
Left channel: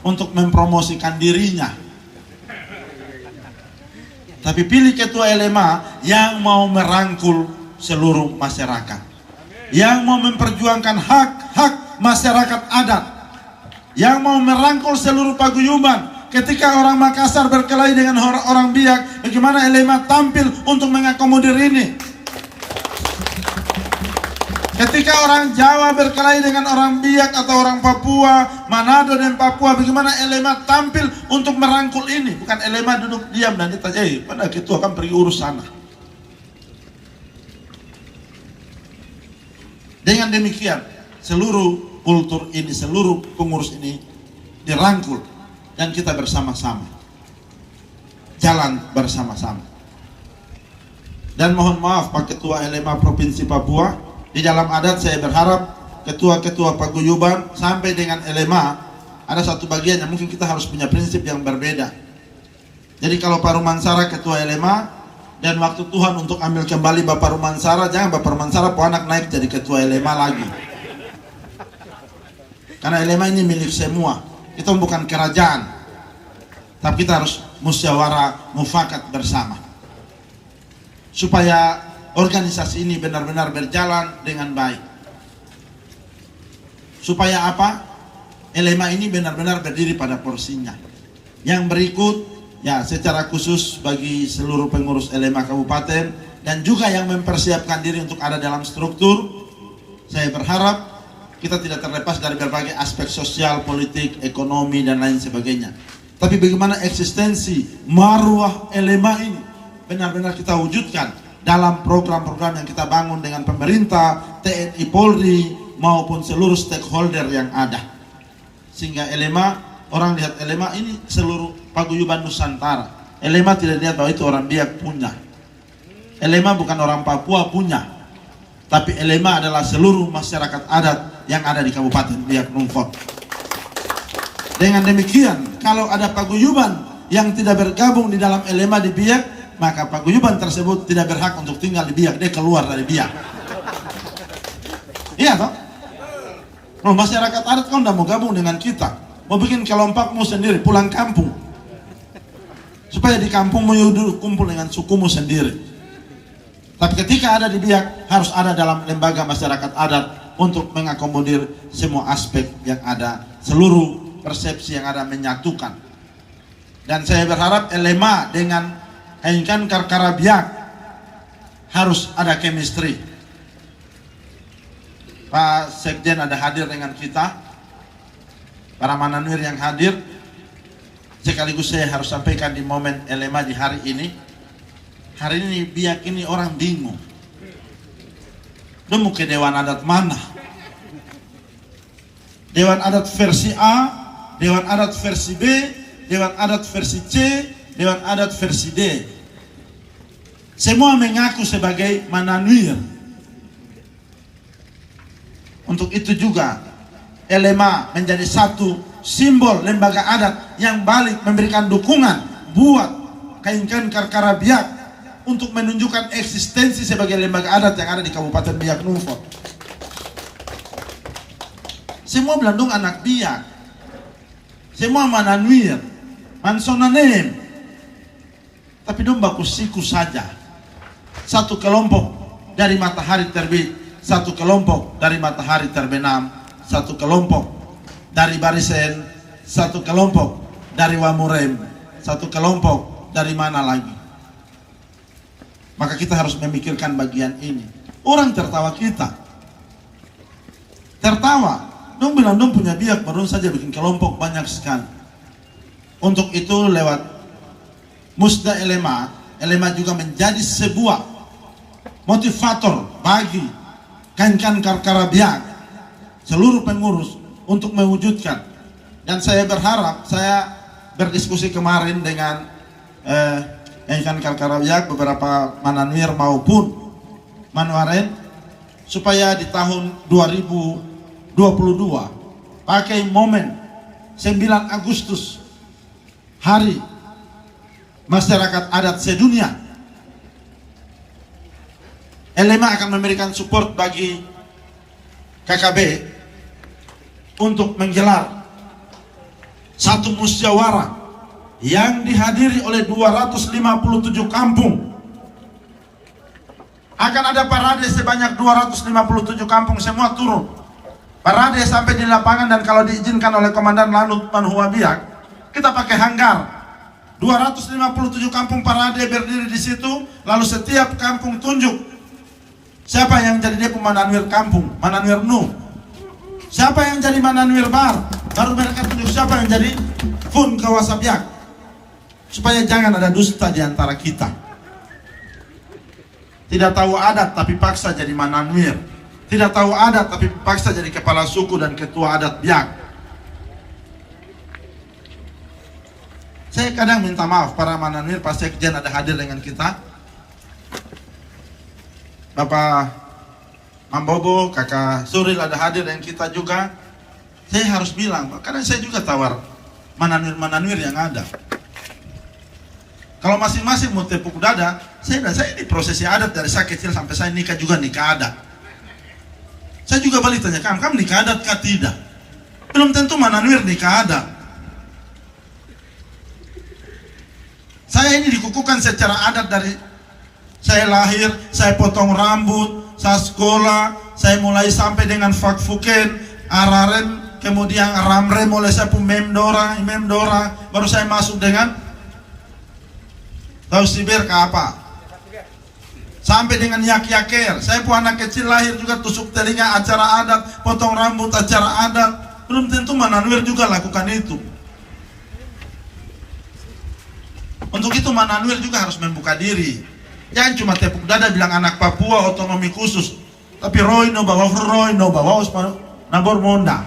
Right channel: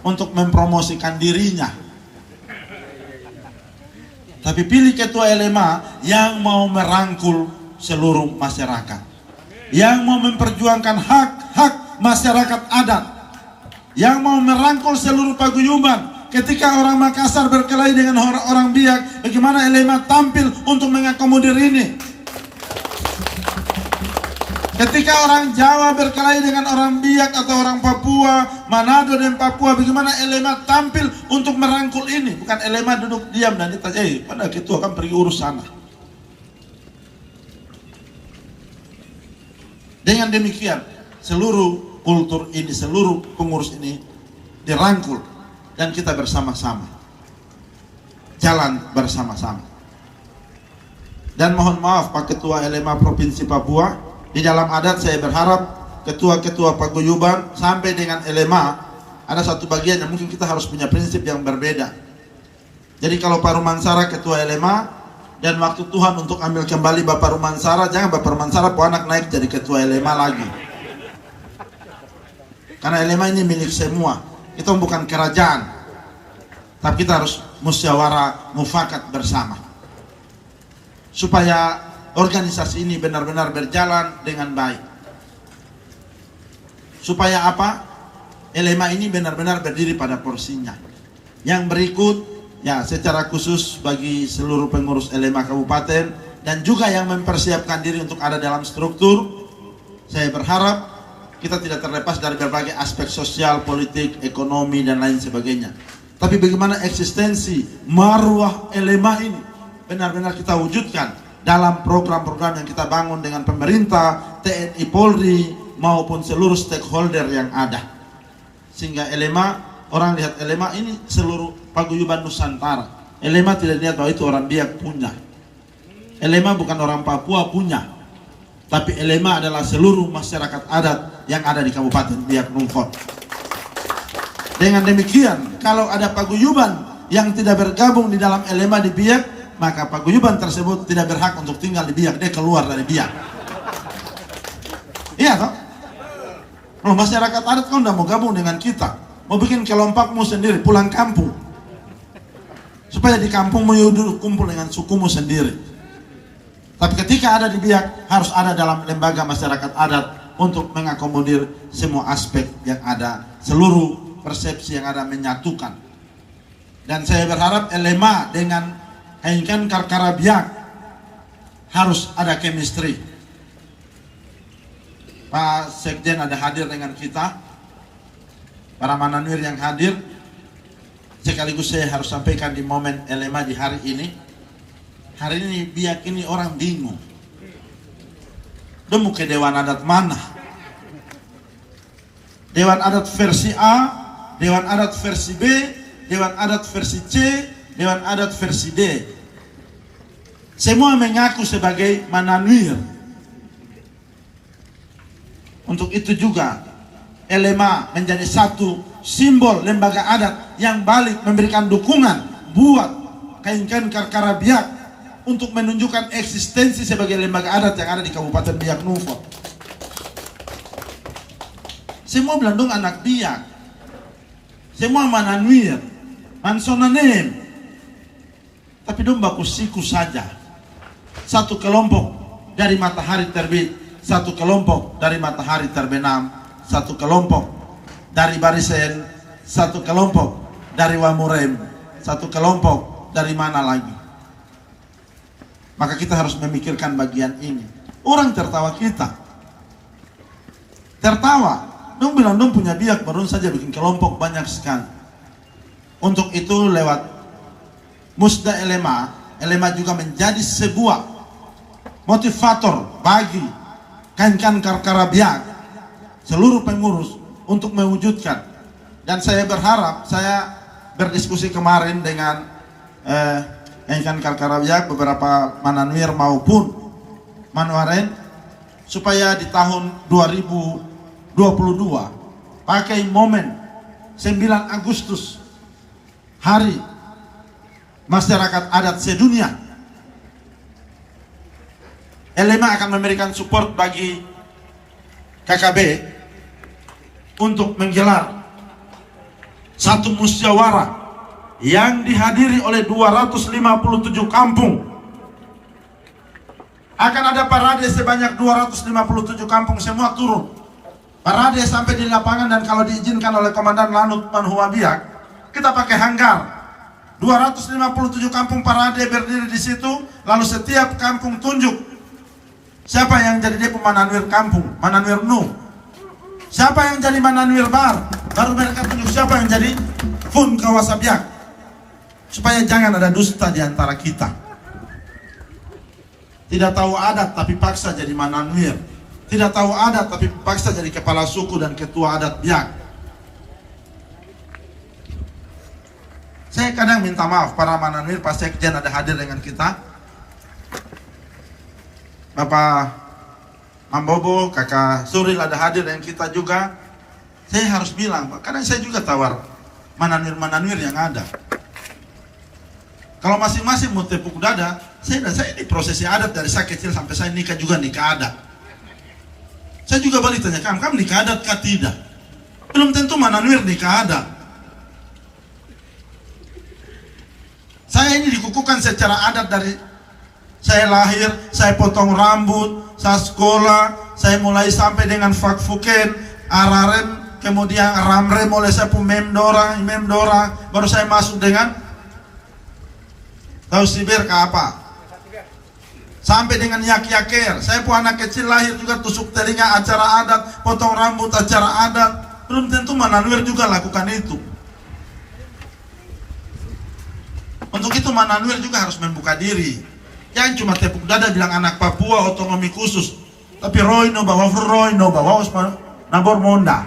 untuk mempromosikan dirinya. Tapi pilih ketua LMA yang mau merangkul seluruh masyarakat, yang mau memperjuangkan hak-hak masyarakat adat, yang mau merangkul seluruh paguyuban. Ketika orang Makassar berkelahi dengan orang Biak, bagaimana LMA tampil untuk mengakomodir ini? Ketika orang Jawa berkelahi dengan orang Biak atau orang Papua, Manado dan Papua, bagaimana LMA tampil untuk merangkul ini? Bukan LMA duduk diam dan ditanya, pada ketua kan pergi urus sana. Dengan demikian, seluruh kultur ini, seluruh pengurus ini dirangkul dan kita bersama-sama jalan bersama-sama. Dan mohon maaf Pak Ketua LMA Provinsi Papua, di dalam adat saya berharap ketua-ketua paguyuban sampai dengan LMA ada satu bagian yang mungkin kita harus punya prinsip yang berbeda. Jadi kalau Pak Rumansara ketua LMA, dan waktu Tuhan untuk ambil kembali Bapak Rumansara, jangan Bapak Rumansara anak naik jadi ketua LMA lagi. Karena LMA ini milik semua. Kita bukan kerajaan. Tapi kita harus musyawarah, mufakat bersama. Supaya organisasi ini benar-benar berjalan dengan baik. Supaya apa? LMA ini benar-benar berdiri pada porsinya. Yang berikut, ya secara khusus bagi seluruh pengurus LMA Kabupaten dan juga yang mempersiapkan diri untuk ada dalam struktur, saya berharap kita tidak terlepas dari berbagai aspek sosial, politik, ekonomi dan lain sebagainya. Tapi bagaimana eksistensi marwah Elema ini benar-benar kita wujudkan dalam program-program yang kita bangun dengan pemerintah, TNI, Polri, maupun seluruh stakeholder yang ada. Sehingga Elema, orang lihat Elema ini seluruh paguyuban Nusantara. Elema tidak lihat bahwa itu orang Biak punya. Elema bukan orang Papua punya. Tapi Elema adalah seluruh masyarakat adat yang ada di Kabupaten Biak Numfor. Dengan demikian, kalau ada paguyuban yang tidak bergabung di dalam Elema di Biak, maka paguyuban tersebut tidak berhak untuk tinggal di Biak, dia keluar dari Biak. Iya toh? Oh, masyarakat adat kan udah mau gabung dengan kita, mau bikin kelompokmu sendiri, pulang kampung, supaya di kampungmu kumpul dengan sukumu sendiri. Tapi ketika ada di Biak, harus ada dalam lembaga masyarakat adat untuk mengakomodir semua aspek yang ada, seluruh persepsi yang ada menyatukan. Dan saya berharap Elema dengan Hengkan Karkara Biak harus ada chemistry. Pak Sekjen ada hadir dengan kita, para mananwir yang hadir. Sekaligus saya harus sampaikan di momen Elema di hari ini. Hari ini Biak ini orang bingung. Dia mau ke Dewan Adat mana? Dewan Adat versi A, Dewan Adat versi B, Dewan Adat versi C, Dewan Adat versi D. Semua mengaku sebagai mananwir. Untuk itu juga Elema menjadi satu simbol lembaga adat yang balik memberikan dukungan buat Hengkan Karkara Biak untuk menunjukkan eksistensi sebagai lembaga adat yang ada di Kabupaten Biak Numfor. Semua Belandung anak Biak, semua mananwir, mansonanen, tapi dong baku siku saja. Satu kelompok dari matahari terbit, satu kelompok dari matahari terbenam, satu kelompok dari Barisen, satu kelompok dari Wamurem, satu kelompok dari mana lagi. Maka kita harus memikirkan bagian ini. Orang tertawa kita, tertawa. Dong bilang dong punya Biak baru saja bikin kelompok banyak sekali. Untuk itu lewat Musda Elema, Elema juga menjadi sebuah motivator bagi Hengkan Karkara Biak, seluruh pengurus untuk mewujudkan. Dan saya berharap, saya berdiskusi kemarin dengan Hengkan Karkara Biak, beberapa mananwir maupun manwaren, supaya di tahun 2022 pakai momen 9 Agustus, Hari Masyarakat Adat Sedunia, Elema akan memberikan support bagi KKB untuk menggelar satu musyawarah yang dihadiri oleh 257 kampung. Akan ada parade sebanyak 257 kampung, semua turun. Parade sampai di lapangan, dan kalau diizinkan oleh Komandan Lanut Panhua Biak, kita pakai hanggar. 257 kampung parade berdiri di situ, lalu setiap kampung tunjuk siapa yang jadi dia pemananwir kampung, mananwir nu. Siapa yang jadi mananwir bar, baru mereka tunjuk siapa yang jadi fun kawasan Biak. Supaya jangan ada dusta di antara kita. Tidak tahu adat tapi paksa jadi mananwir. Tidak tahu adat tapi paksa jadi kepala suku dan ketua adat Biak. Saya kadang minta maaf para mananwir, Pak Sekjen ada hadir dengan kita, Bapak Mambobo, Kakak Suril ada hadir dengan kita juga. Saya harus bilang, Pak, kadang saya juga tawar mananwir-mananwir yang ada. Kalau masing-masing mau tepuk dada, saya ini prosesi adat dari saya kecil sampai saya nikah juga nikah adat. Saya juga balik tanya, kamu nikah adat kah tidak? Belum tentu mananwir nikah adat. Saya ini dikukuhkan secara adat dari saya lahir, saya potong rambut, saya sekolah, saya mulai sampai dengan fakfuken, ararem, kemudian ramrem oleh saya pun memdora, baru saya masuk dengan tahu sibir ke apa? Sampai dengan yak-yaker. Saya pun anak kecil lahir juga tusuk telinga acara adat, potong rambut acara adat. Belum tentu mananwir juga lakukan itu. Untuk itu Mananuir juga harus membuka diri. Jangan cuma tepuk dada bilang anak Papua otonomi khusus, tapi Roy no bawa nabor monda.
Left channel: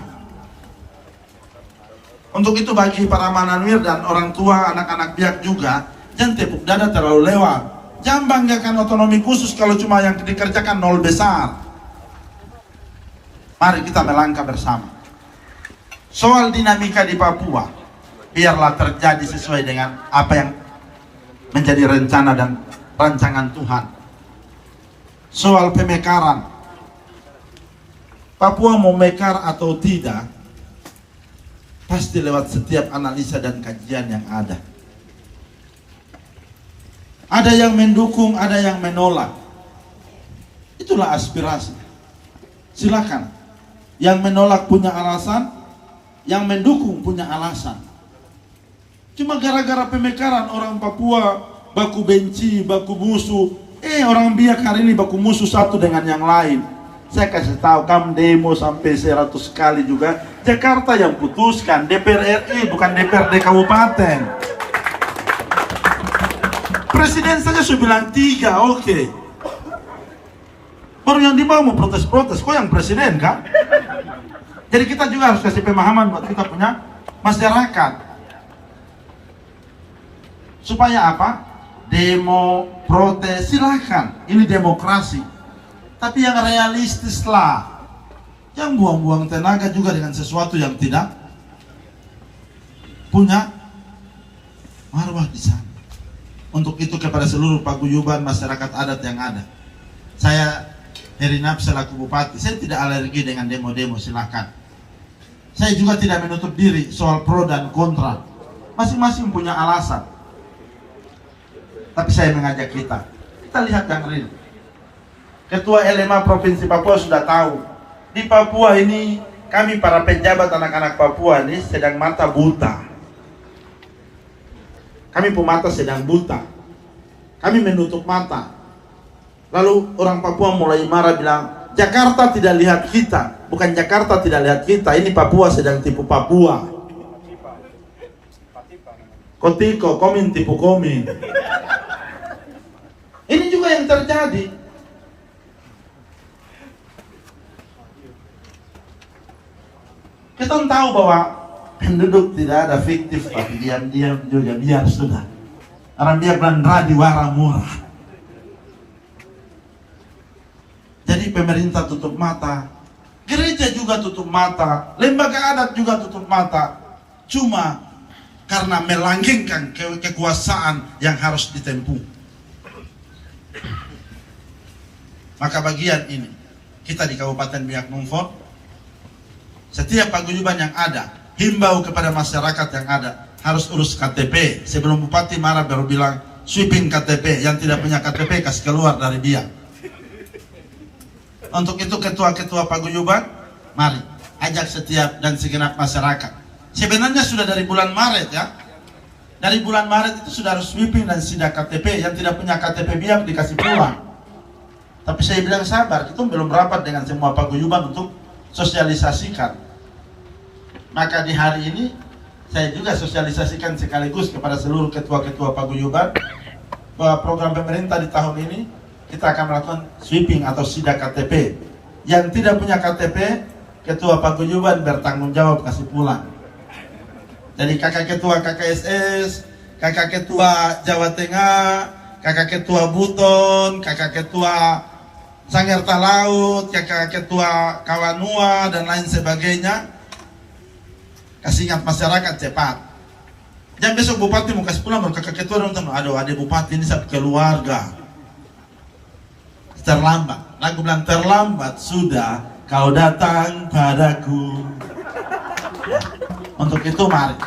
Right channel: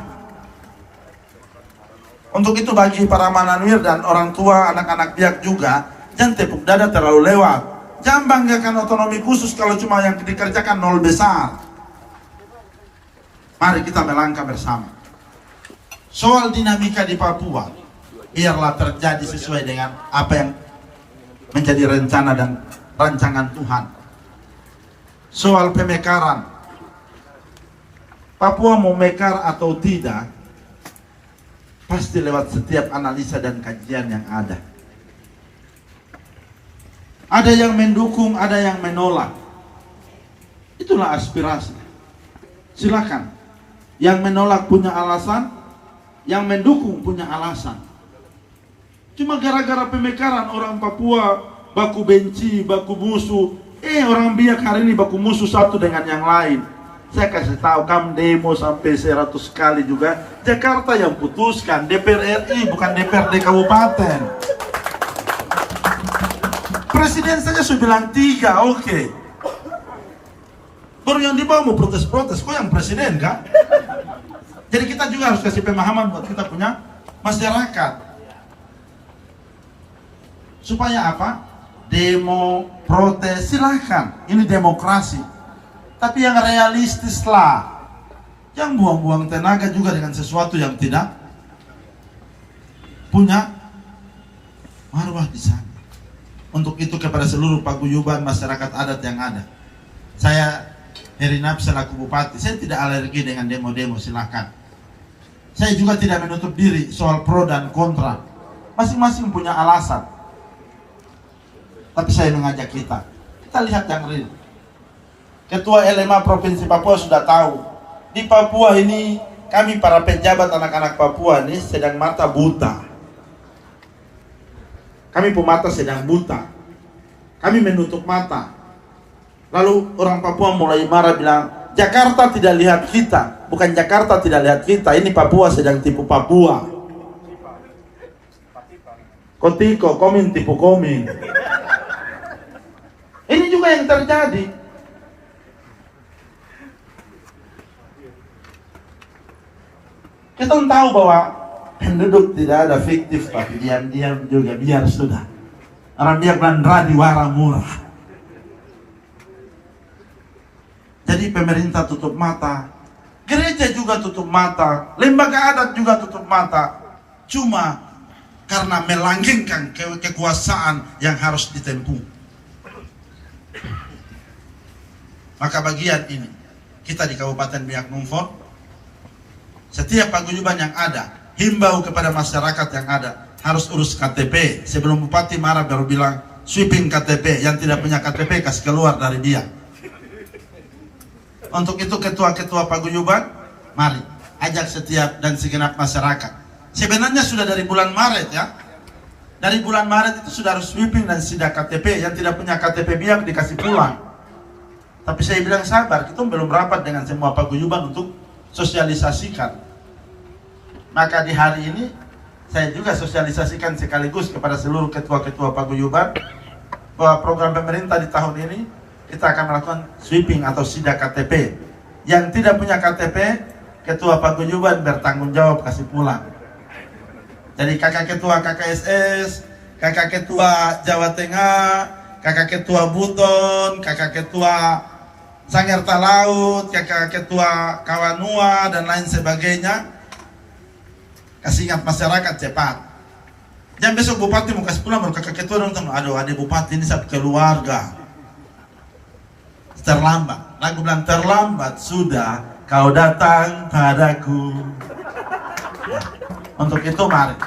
Untuk itu bagi para Mananuir dan orang tua anak-anak biak juga, jangan tepuk dada terlalu lewat. Jangan banggakan otonomi khusus kalau cuma yang dikerjakan nol besar. Mari kita melangkah bersama. Soal dinamika di Papua, biarlah terjadi sesuai dengan apa yang menjadi rencana dan rancangan Tuhan. Soal pemekaran, Papua mau mekar atau tidak, pasti lewat setiap analisa dan kajian yang ada. Ada yang mendukung, ada yang menolak. Itulah aspirasi. Silakan. Yang menolak punya alasan, yang mendukung punya alasan. Cuma gara-gara pemekaran orang Papua baku benci, baku musuh. Orang biak hari ini baku musuh satu dengan yang lain. Saya kasih tahu, kamu demo sampai 100 kali juga. Jakarta yang putuskan, DPR RI bukan DPRD kabupaten. Presiden saja sudah bilang 3, oke. Baru yang di bawah mau protes-protes, kok yang presiden kan? Jadi kita juga harus kasih pemahaman buat kita punya masyarakat. Supaya apa? Demo, protes, silahkan. Ini demokrasi. Tapi yang realistis lah. Yang buang-buang tenaga juga dengan sesuatu yang tidak punya marwah di sana. Untuk itu kepada seluruh paguyuban masyarakat adat yang ada, saya Herinap selaku bupati, saya tidak alergi dengan demo-demo, silakan. Saya juga tidak menutup diri soal pro dan kontra. Masing-masing punya alasan. Tapi saya mengajak kita lihat yang real. Ketua LMA Provinsi Papua sudah tahu, di Papua ini kami para pejabat anak-anak Papua ini sedang mata buta. Kami pemata sedang buta. Kami menutup mata. Lalu orang Papua mulai marah bilang, Jakarta tidak lihat kita. Bukan Jakarta tidak lihat kita, ini Papua sedang tipu Papua. Kotiko, komin tipu komin. Ini juga yang terjadi. Kita tahu bahwa penduduk tidak ada fiktif, tapi diam-diam juga biar sudah. Orang dia belandra di wara murah. Jadi pemerintah tutup mata, gereja juga tutup mata, lembaga adat juga tutup mata. Cuma karena melanggengkan kekuasaan yang harus ditempuh. Maka bagian ini, kita di Kabupaten Biak Numfor, setiap paguyuban yang ada, himbau kepada masyarakat yang ada, harus urus KTP. Sebelum bupati marah baru bilang, sweeping KTP, yang tidak punya KTP kasih keluar dari Biak. Untuk itu ketua-ketua paguyuban, mari ajak setiap dan segenap masyarakat. Sebenarnya sudah dari bulan Maret ya. Dari bulan Maret itu sudah harus sweeping dan sidak KTP. Yang tidak punya KTP Biak dikasih pulang. Tapi saya bilang sabar, itu belum rapat dengan semua paguyuban untuk sosialisasikan. Maka di hari ini saya juga sosialisasikan sekaligus kepada seluruh ketua-ketua paguyuban bahwa program pemerintah di tahun ini kita akan melakukan sweeping atau sidak KTP. Yang tidak punya KTP, ketua paguyuban bertanggung jawab kasih pulang. Jadi kakak ketua KKSS, kakak ketua Jawa Tengah, kakak ketua Buton, kakak ketua Sangir Talaut, kakak ketua Kawanua dan lain sebagainya, kasih ingat masyarakat cepat. Jangan besok bupati mau kasih pulang baru kakak ketua dong, aduh ada bupati ini satu keluarga. Terlambat, lagu bilang terlambat sudah kau datang padaku. Untuk itu mari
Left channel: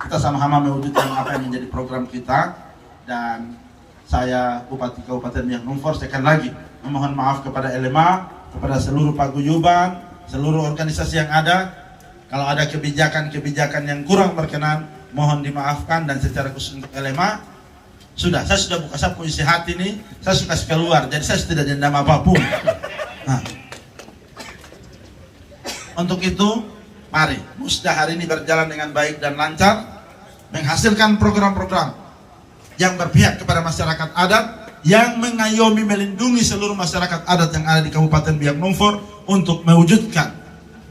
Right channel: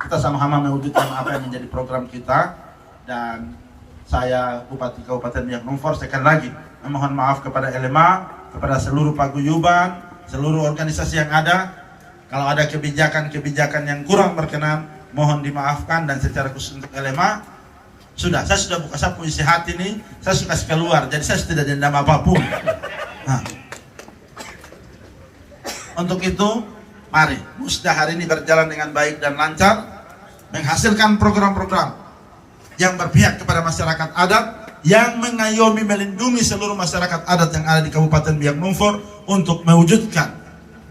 kita sama-sama mewujudkan apa yang menjadi program kita. Dan saya Bupati Kabupaten Biak Numfor sekali lagi memohon maaf kepada LMA, kepada seluruh paguyuban, seluruh organisasi yang ada. Kalau ada kebijakan-kebijakan yang kurang berkenan, mohon dimaafkan. Dan secara khusus untuk LMA, saya sudah buka sapu isi hati ini, saya suka keluar, jadi saya tidak dendam apapun. Nah, untuk itu, mari Musda hari ini berjalan dengan baik dan lancar, menghasilkan program-program yang berpihak kepada masyarakat adat, yang mengayomi melindungi seluruh masyarakat adat yang ada di Kabupaten Biak Numfor untuk mewujudkan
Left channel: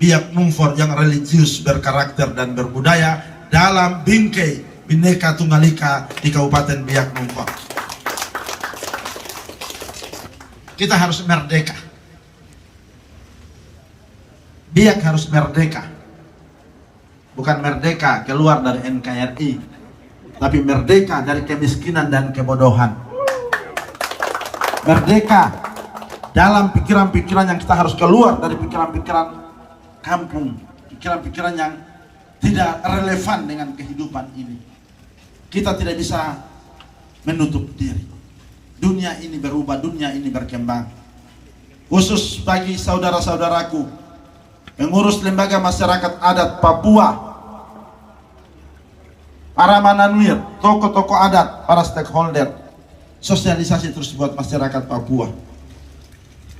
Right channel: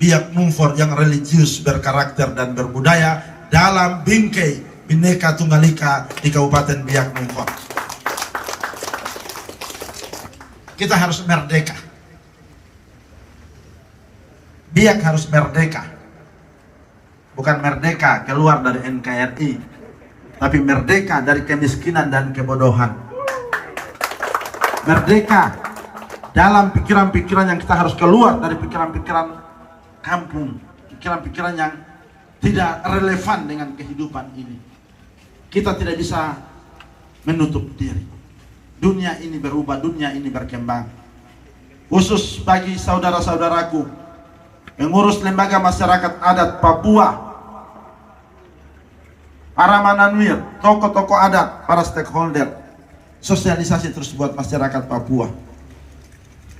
Biak Numfor yang religius, berkarakter dan berbudaya dalam bingkai Bhinneka Tunggal Ika di Kabupaten Biak Numfor. Kita harus merdeka. Biak harus merdeka. Bukan merdeka keluar dari NKRI, tapi merdeka dari kemiskinan dan kebodohan. Merdeka dalam pikiran-pikiran yang kita harus keluar dari pikiran-pikiran kampung, pikiran-pikiran yang tidak relevan dengan kehidupan ini. Kita tidak bisa menutup diri. Dunia ini berubah, dunia ini berkembang. Khusus bagi saudara-saudaraku pengurus lembaga masyarakat adat Papua, para mananwir, tokoh-tokoh adat, para stakeholder, sosialisasi terus buat masyarakat Papua.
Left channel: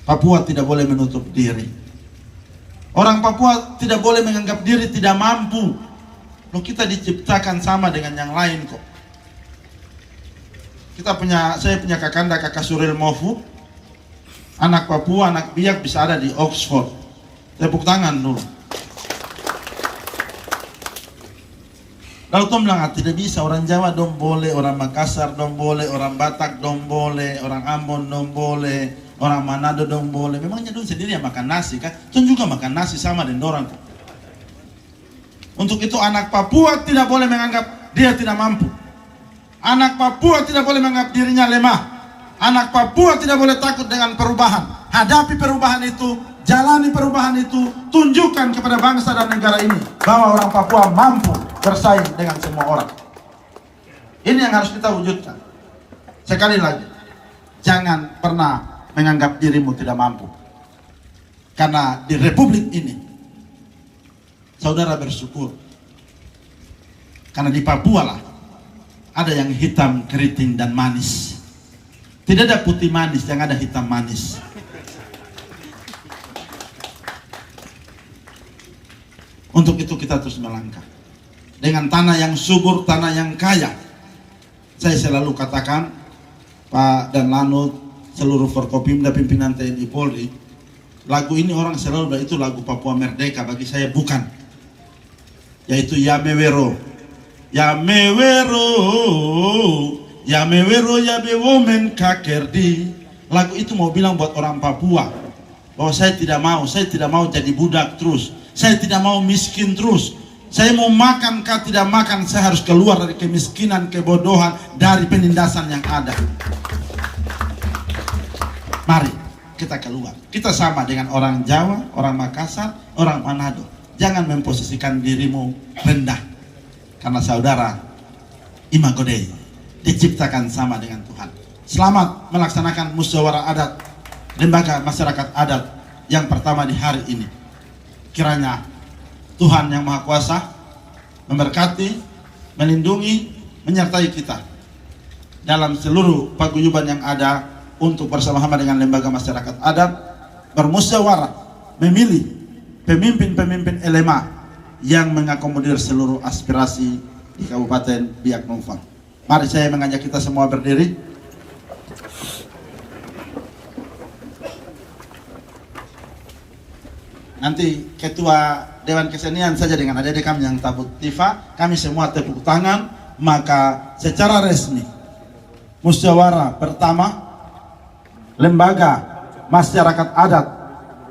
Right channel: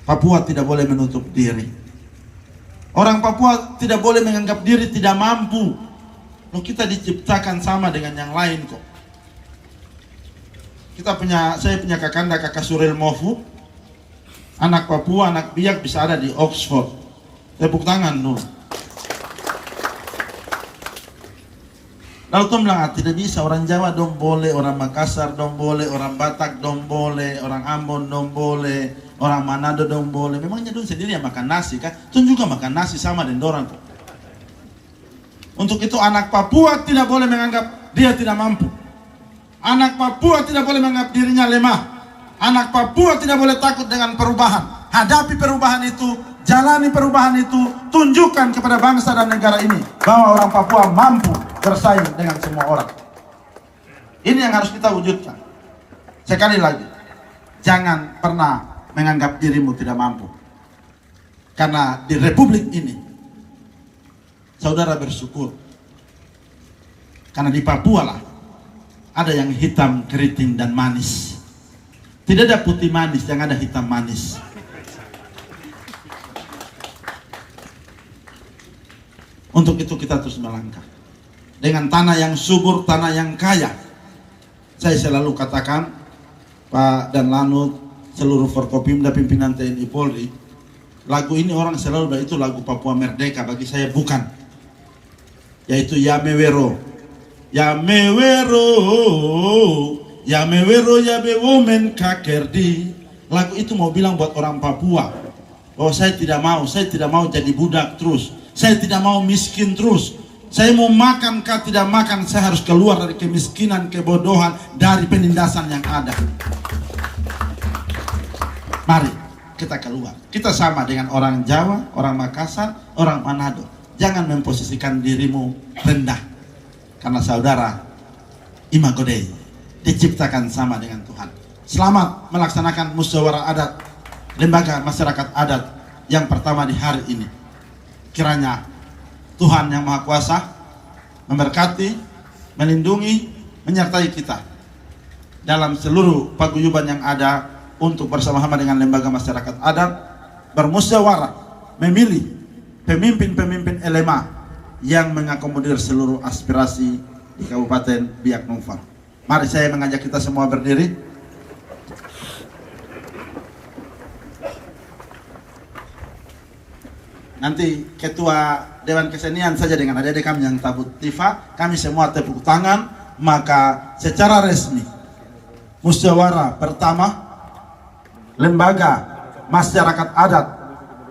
Papua tidak boleh menutup diri. Orang Papua tidak boleh menganggap diri tidak mampu. Loh, kita diciptakan sama dengan yang lain kok. Saya punya kakak Suril Mahfud, anak Papua, anak Biak bisa ada di Oxford. Tepuk tangan dulu. Lalu bilang tidak bisa, orang Jawa dong boleh, orang Makassar dong boleh, orang Batak dong boleh, orang Ambon dong boleh, orang Manado dong boleh. Memangnya dong sendiri yang makan nasi kan? Tuh juga makan nasi sama dengan orang. Untuk itu anak Papua tidak boleh menganggap dia tidak mampu. Anak Papua tidak boleh menganggap dirinya lemah. Anak Papua tidak boleh takut dengan perubahan. Hadapi perubahan itu, jalani perubahan itu, tunjukkan kepada bangsa dan negara ini bahwa orang Papua mampu bersaing dengan semua orang. Ini yang harus kita wujudkan. Sekali lagi, jangan pernah menganggap dirimu tidak mampu. Karena di Republik ini, saudara bersyukur. Karena di Papua lah, ada yang hitam, keriting, dan manis. Tidak ada putih manis, yang ada hitam manis. Untuk itu kita terus melangkah. Dengan tanah yang subur, tanah yang kaya. Saya selalu katakan, Pak dan Lanut, seluruh Forkopimda, pimpinan TNI Polri, lagu ini orang selalu itu lagu Papua Merdeka, bagi saya bukan. Yaitu Yamewero. Yamewero, Yamewero, Yabewomen Kakerdi. Lagu itu mau bilang buat orang Papua bahwa saya tidak mau jadi budak terus. Saya tidak mau miskin terus. Saya mau makan kah tidak makan, saya harus keluar dari kemiskinan, kebodohan, dari penindasan yang ada. Mari kita keluar. Kita sama dengan orang Jawa, orang Makassar, orang Manado. Jangan memposisikan dirimu rendah. Karena saudara, Imago Dei, diciptakan sama dengan Tuhan. Selamat melaksanakan musyawarah adat, lembaga masyarakat adat yang pertama di hari ini. Kiranya Tuhan yang Maha Kuasa memberkati, melindungi, menyertai kita dalam seluruh paguyuban yang ada untuk bersama-sama dengan lembaga masyarakat adat bermusyawarah memilih pemimpin-pemimpin elema yang mengakomodir seluruh aspirasi di Kabupaten Biak Numfor. Mari saya mengajak kita semua berdiri. Nanti Ketua Dewan Kesenian saja dengan adik-adik kami yang tabut tifa, kami semua tepuk tangan, maka secara resmi musyawarah pertama lembaga masyarakat adat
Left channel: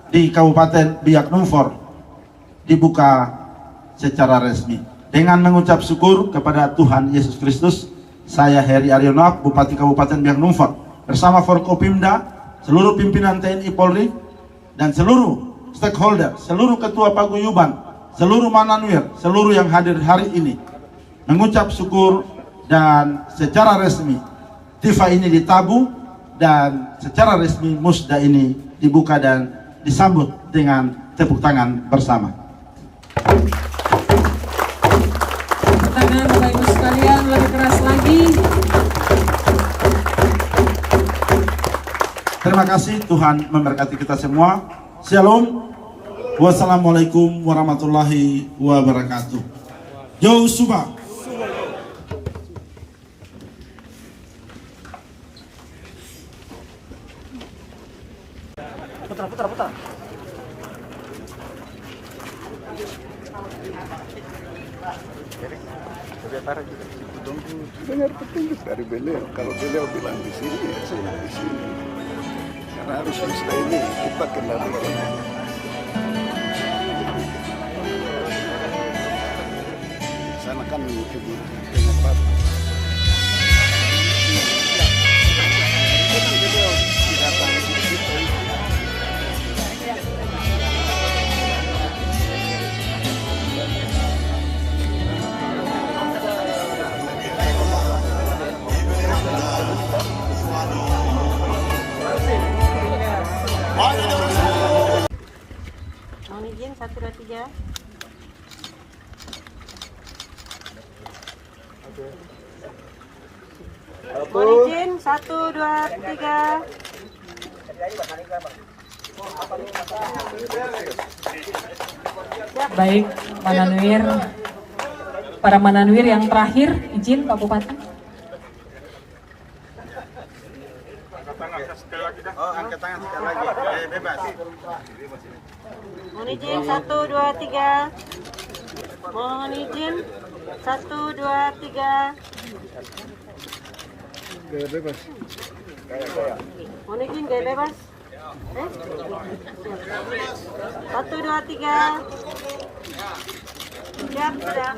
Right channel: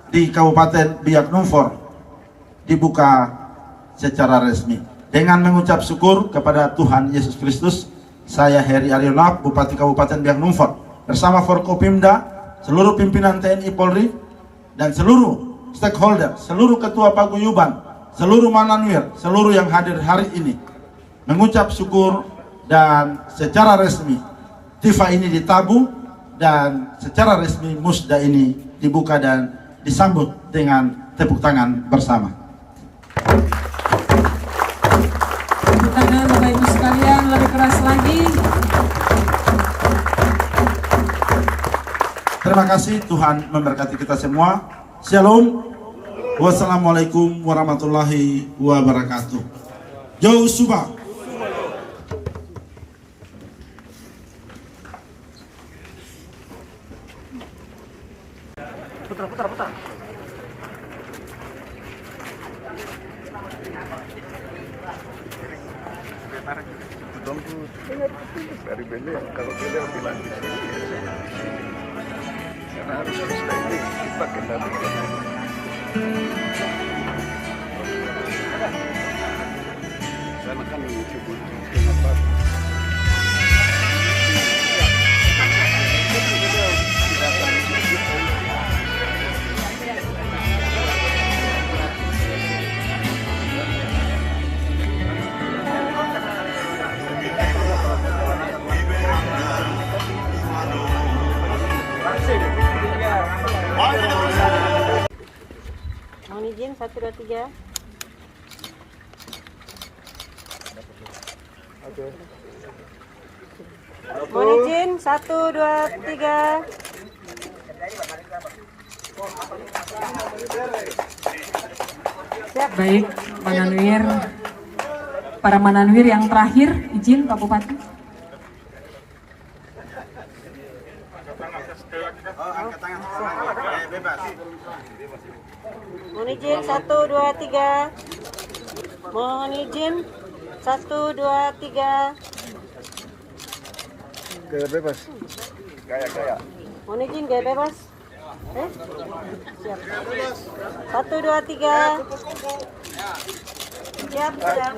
di Kabupaten Biak Numfor dibuka secara resmi. Dengan mengucap syukur kepada Tuhan Yesus Kristus, saya Heri Aryono, Bupati Kabupaten Biak Numfor, bersama Forkopimda, seluruh pimpinan TNI Polri, dan seluruh stakeholder, seluruh ketua paguyuban, seluruh mananwir, seluruh yang hadir hari ini, mengucap syukur dan secara resmi tifa ini ditabuh dan secara resmi musda ini dibuka dan disambut dengan tepuk tangan bersama. Tepuk tangan Bapak Ibu sekalian, lebih keras lagi. Terima kasih, Tuhan memberkati kita semua. Shalom. Wassalamualaikum warahmatullahi wabarakatuh. Jauh Subah. dengar petunjuk dari beliau. Kalau beliau bilang di sini, ya saya di sini. Karena harus bisa ini kita kendalikan. Sana kan menuju tempat. Mohon izin 1, 2, 3. Mohon izin 1, 2, 3. Baik, Mananwir. Para Mananwir yang terakhir, izin Pak Bupati. Oh, angkat tangan sekali lagi. Bebas. Mohon izin 1, 2, 3. Mohon izin 1, 2, 3. Gaya bebas. Mohon izin gaya bebas. 1, 2, 3. Siap, siap.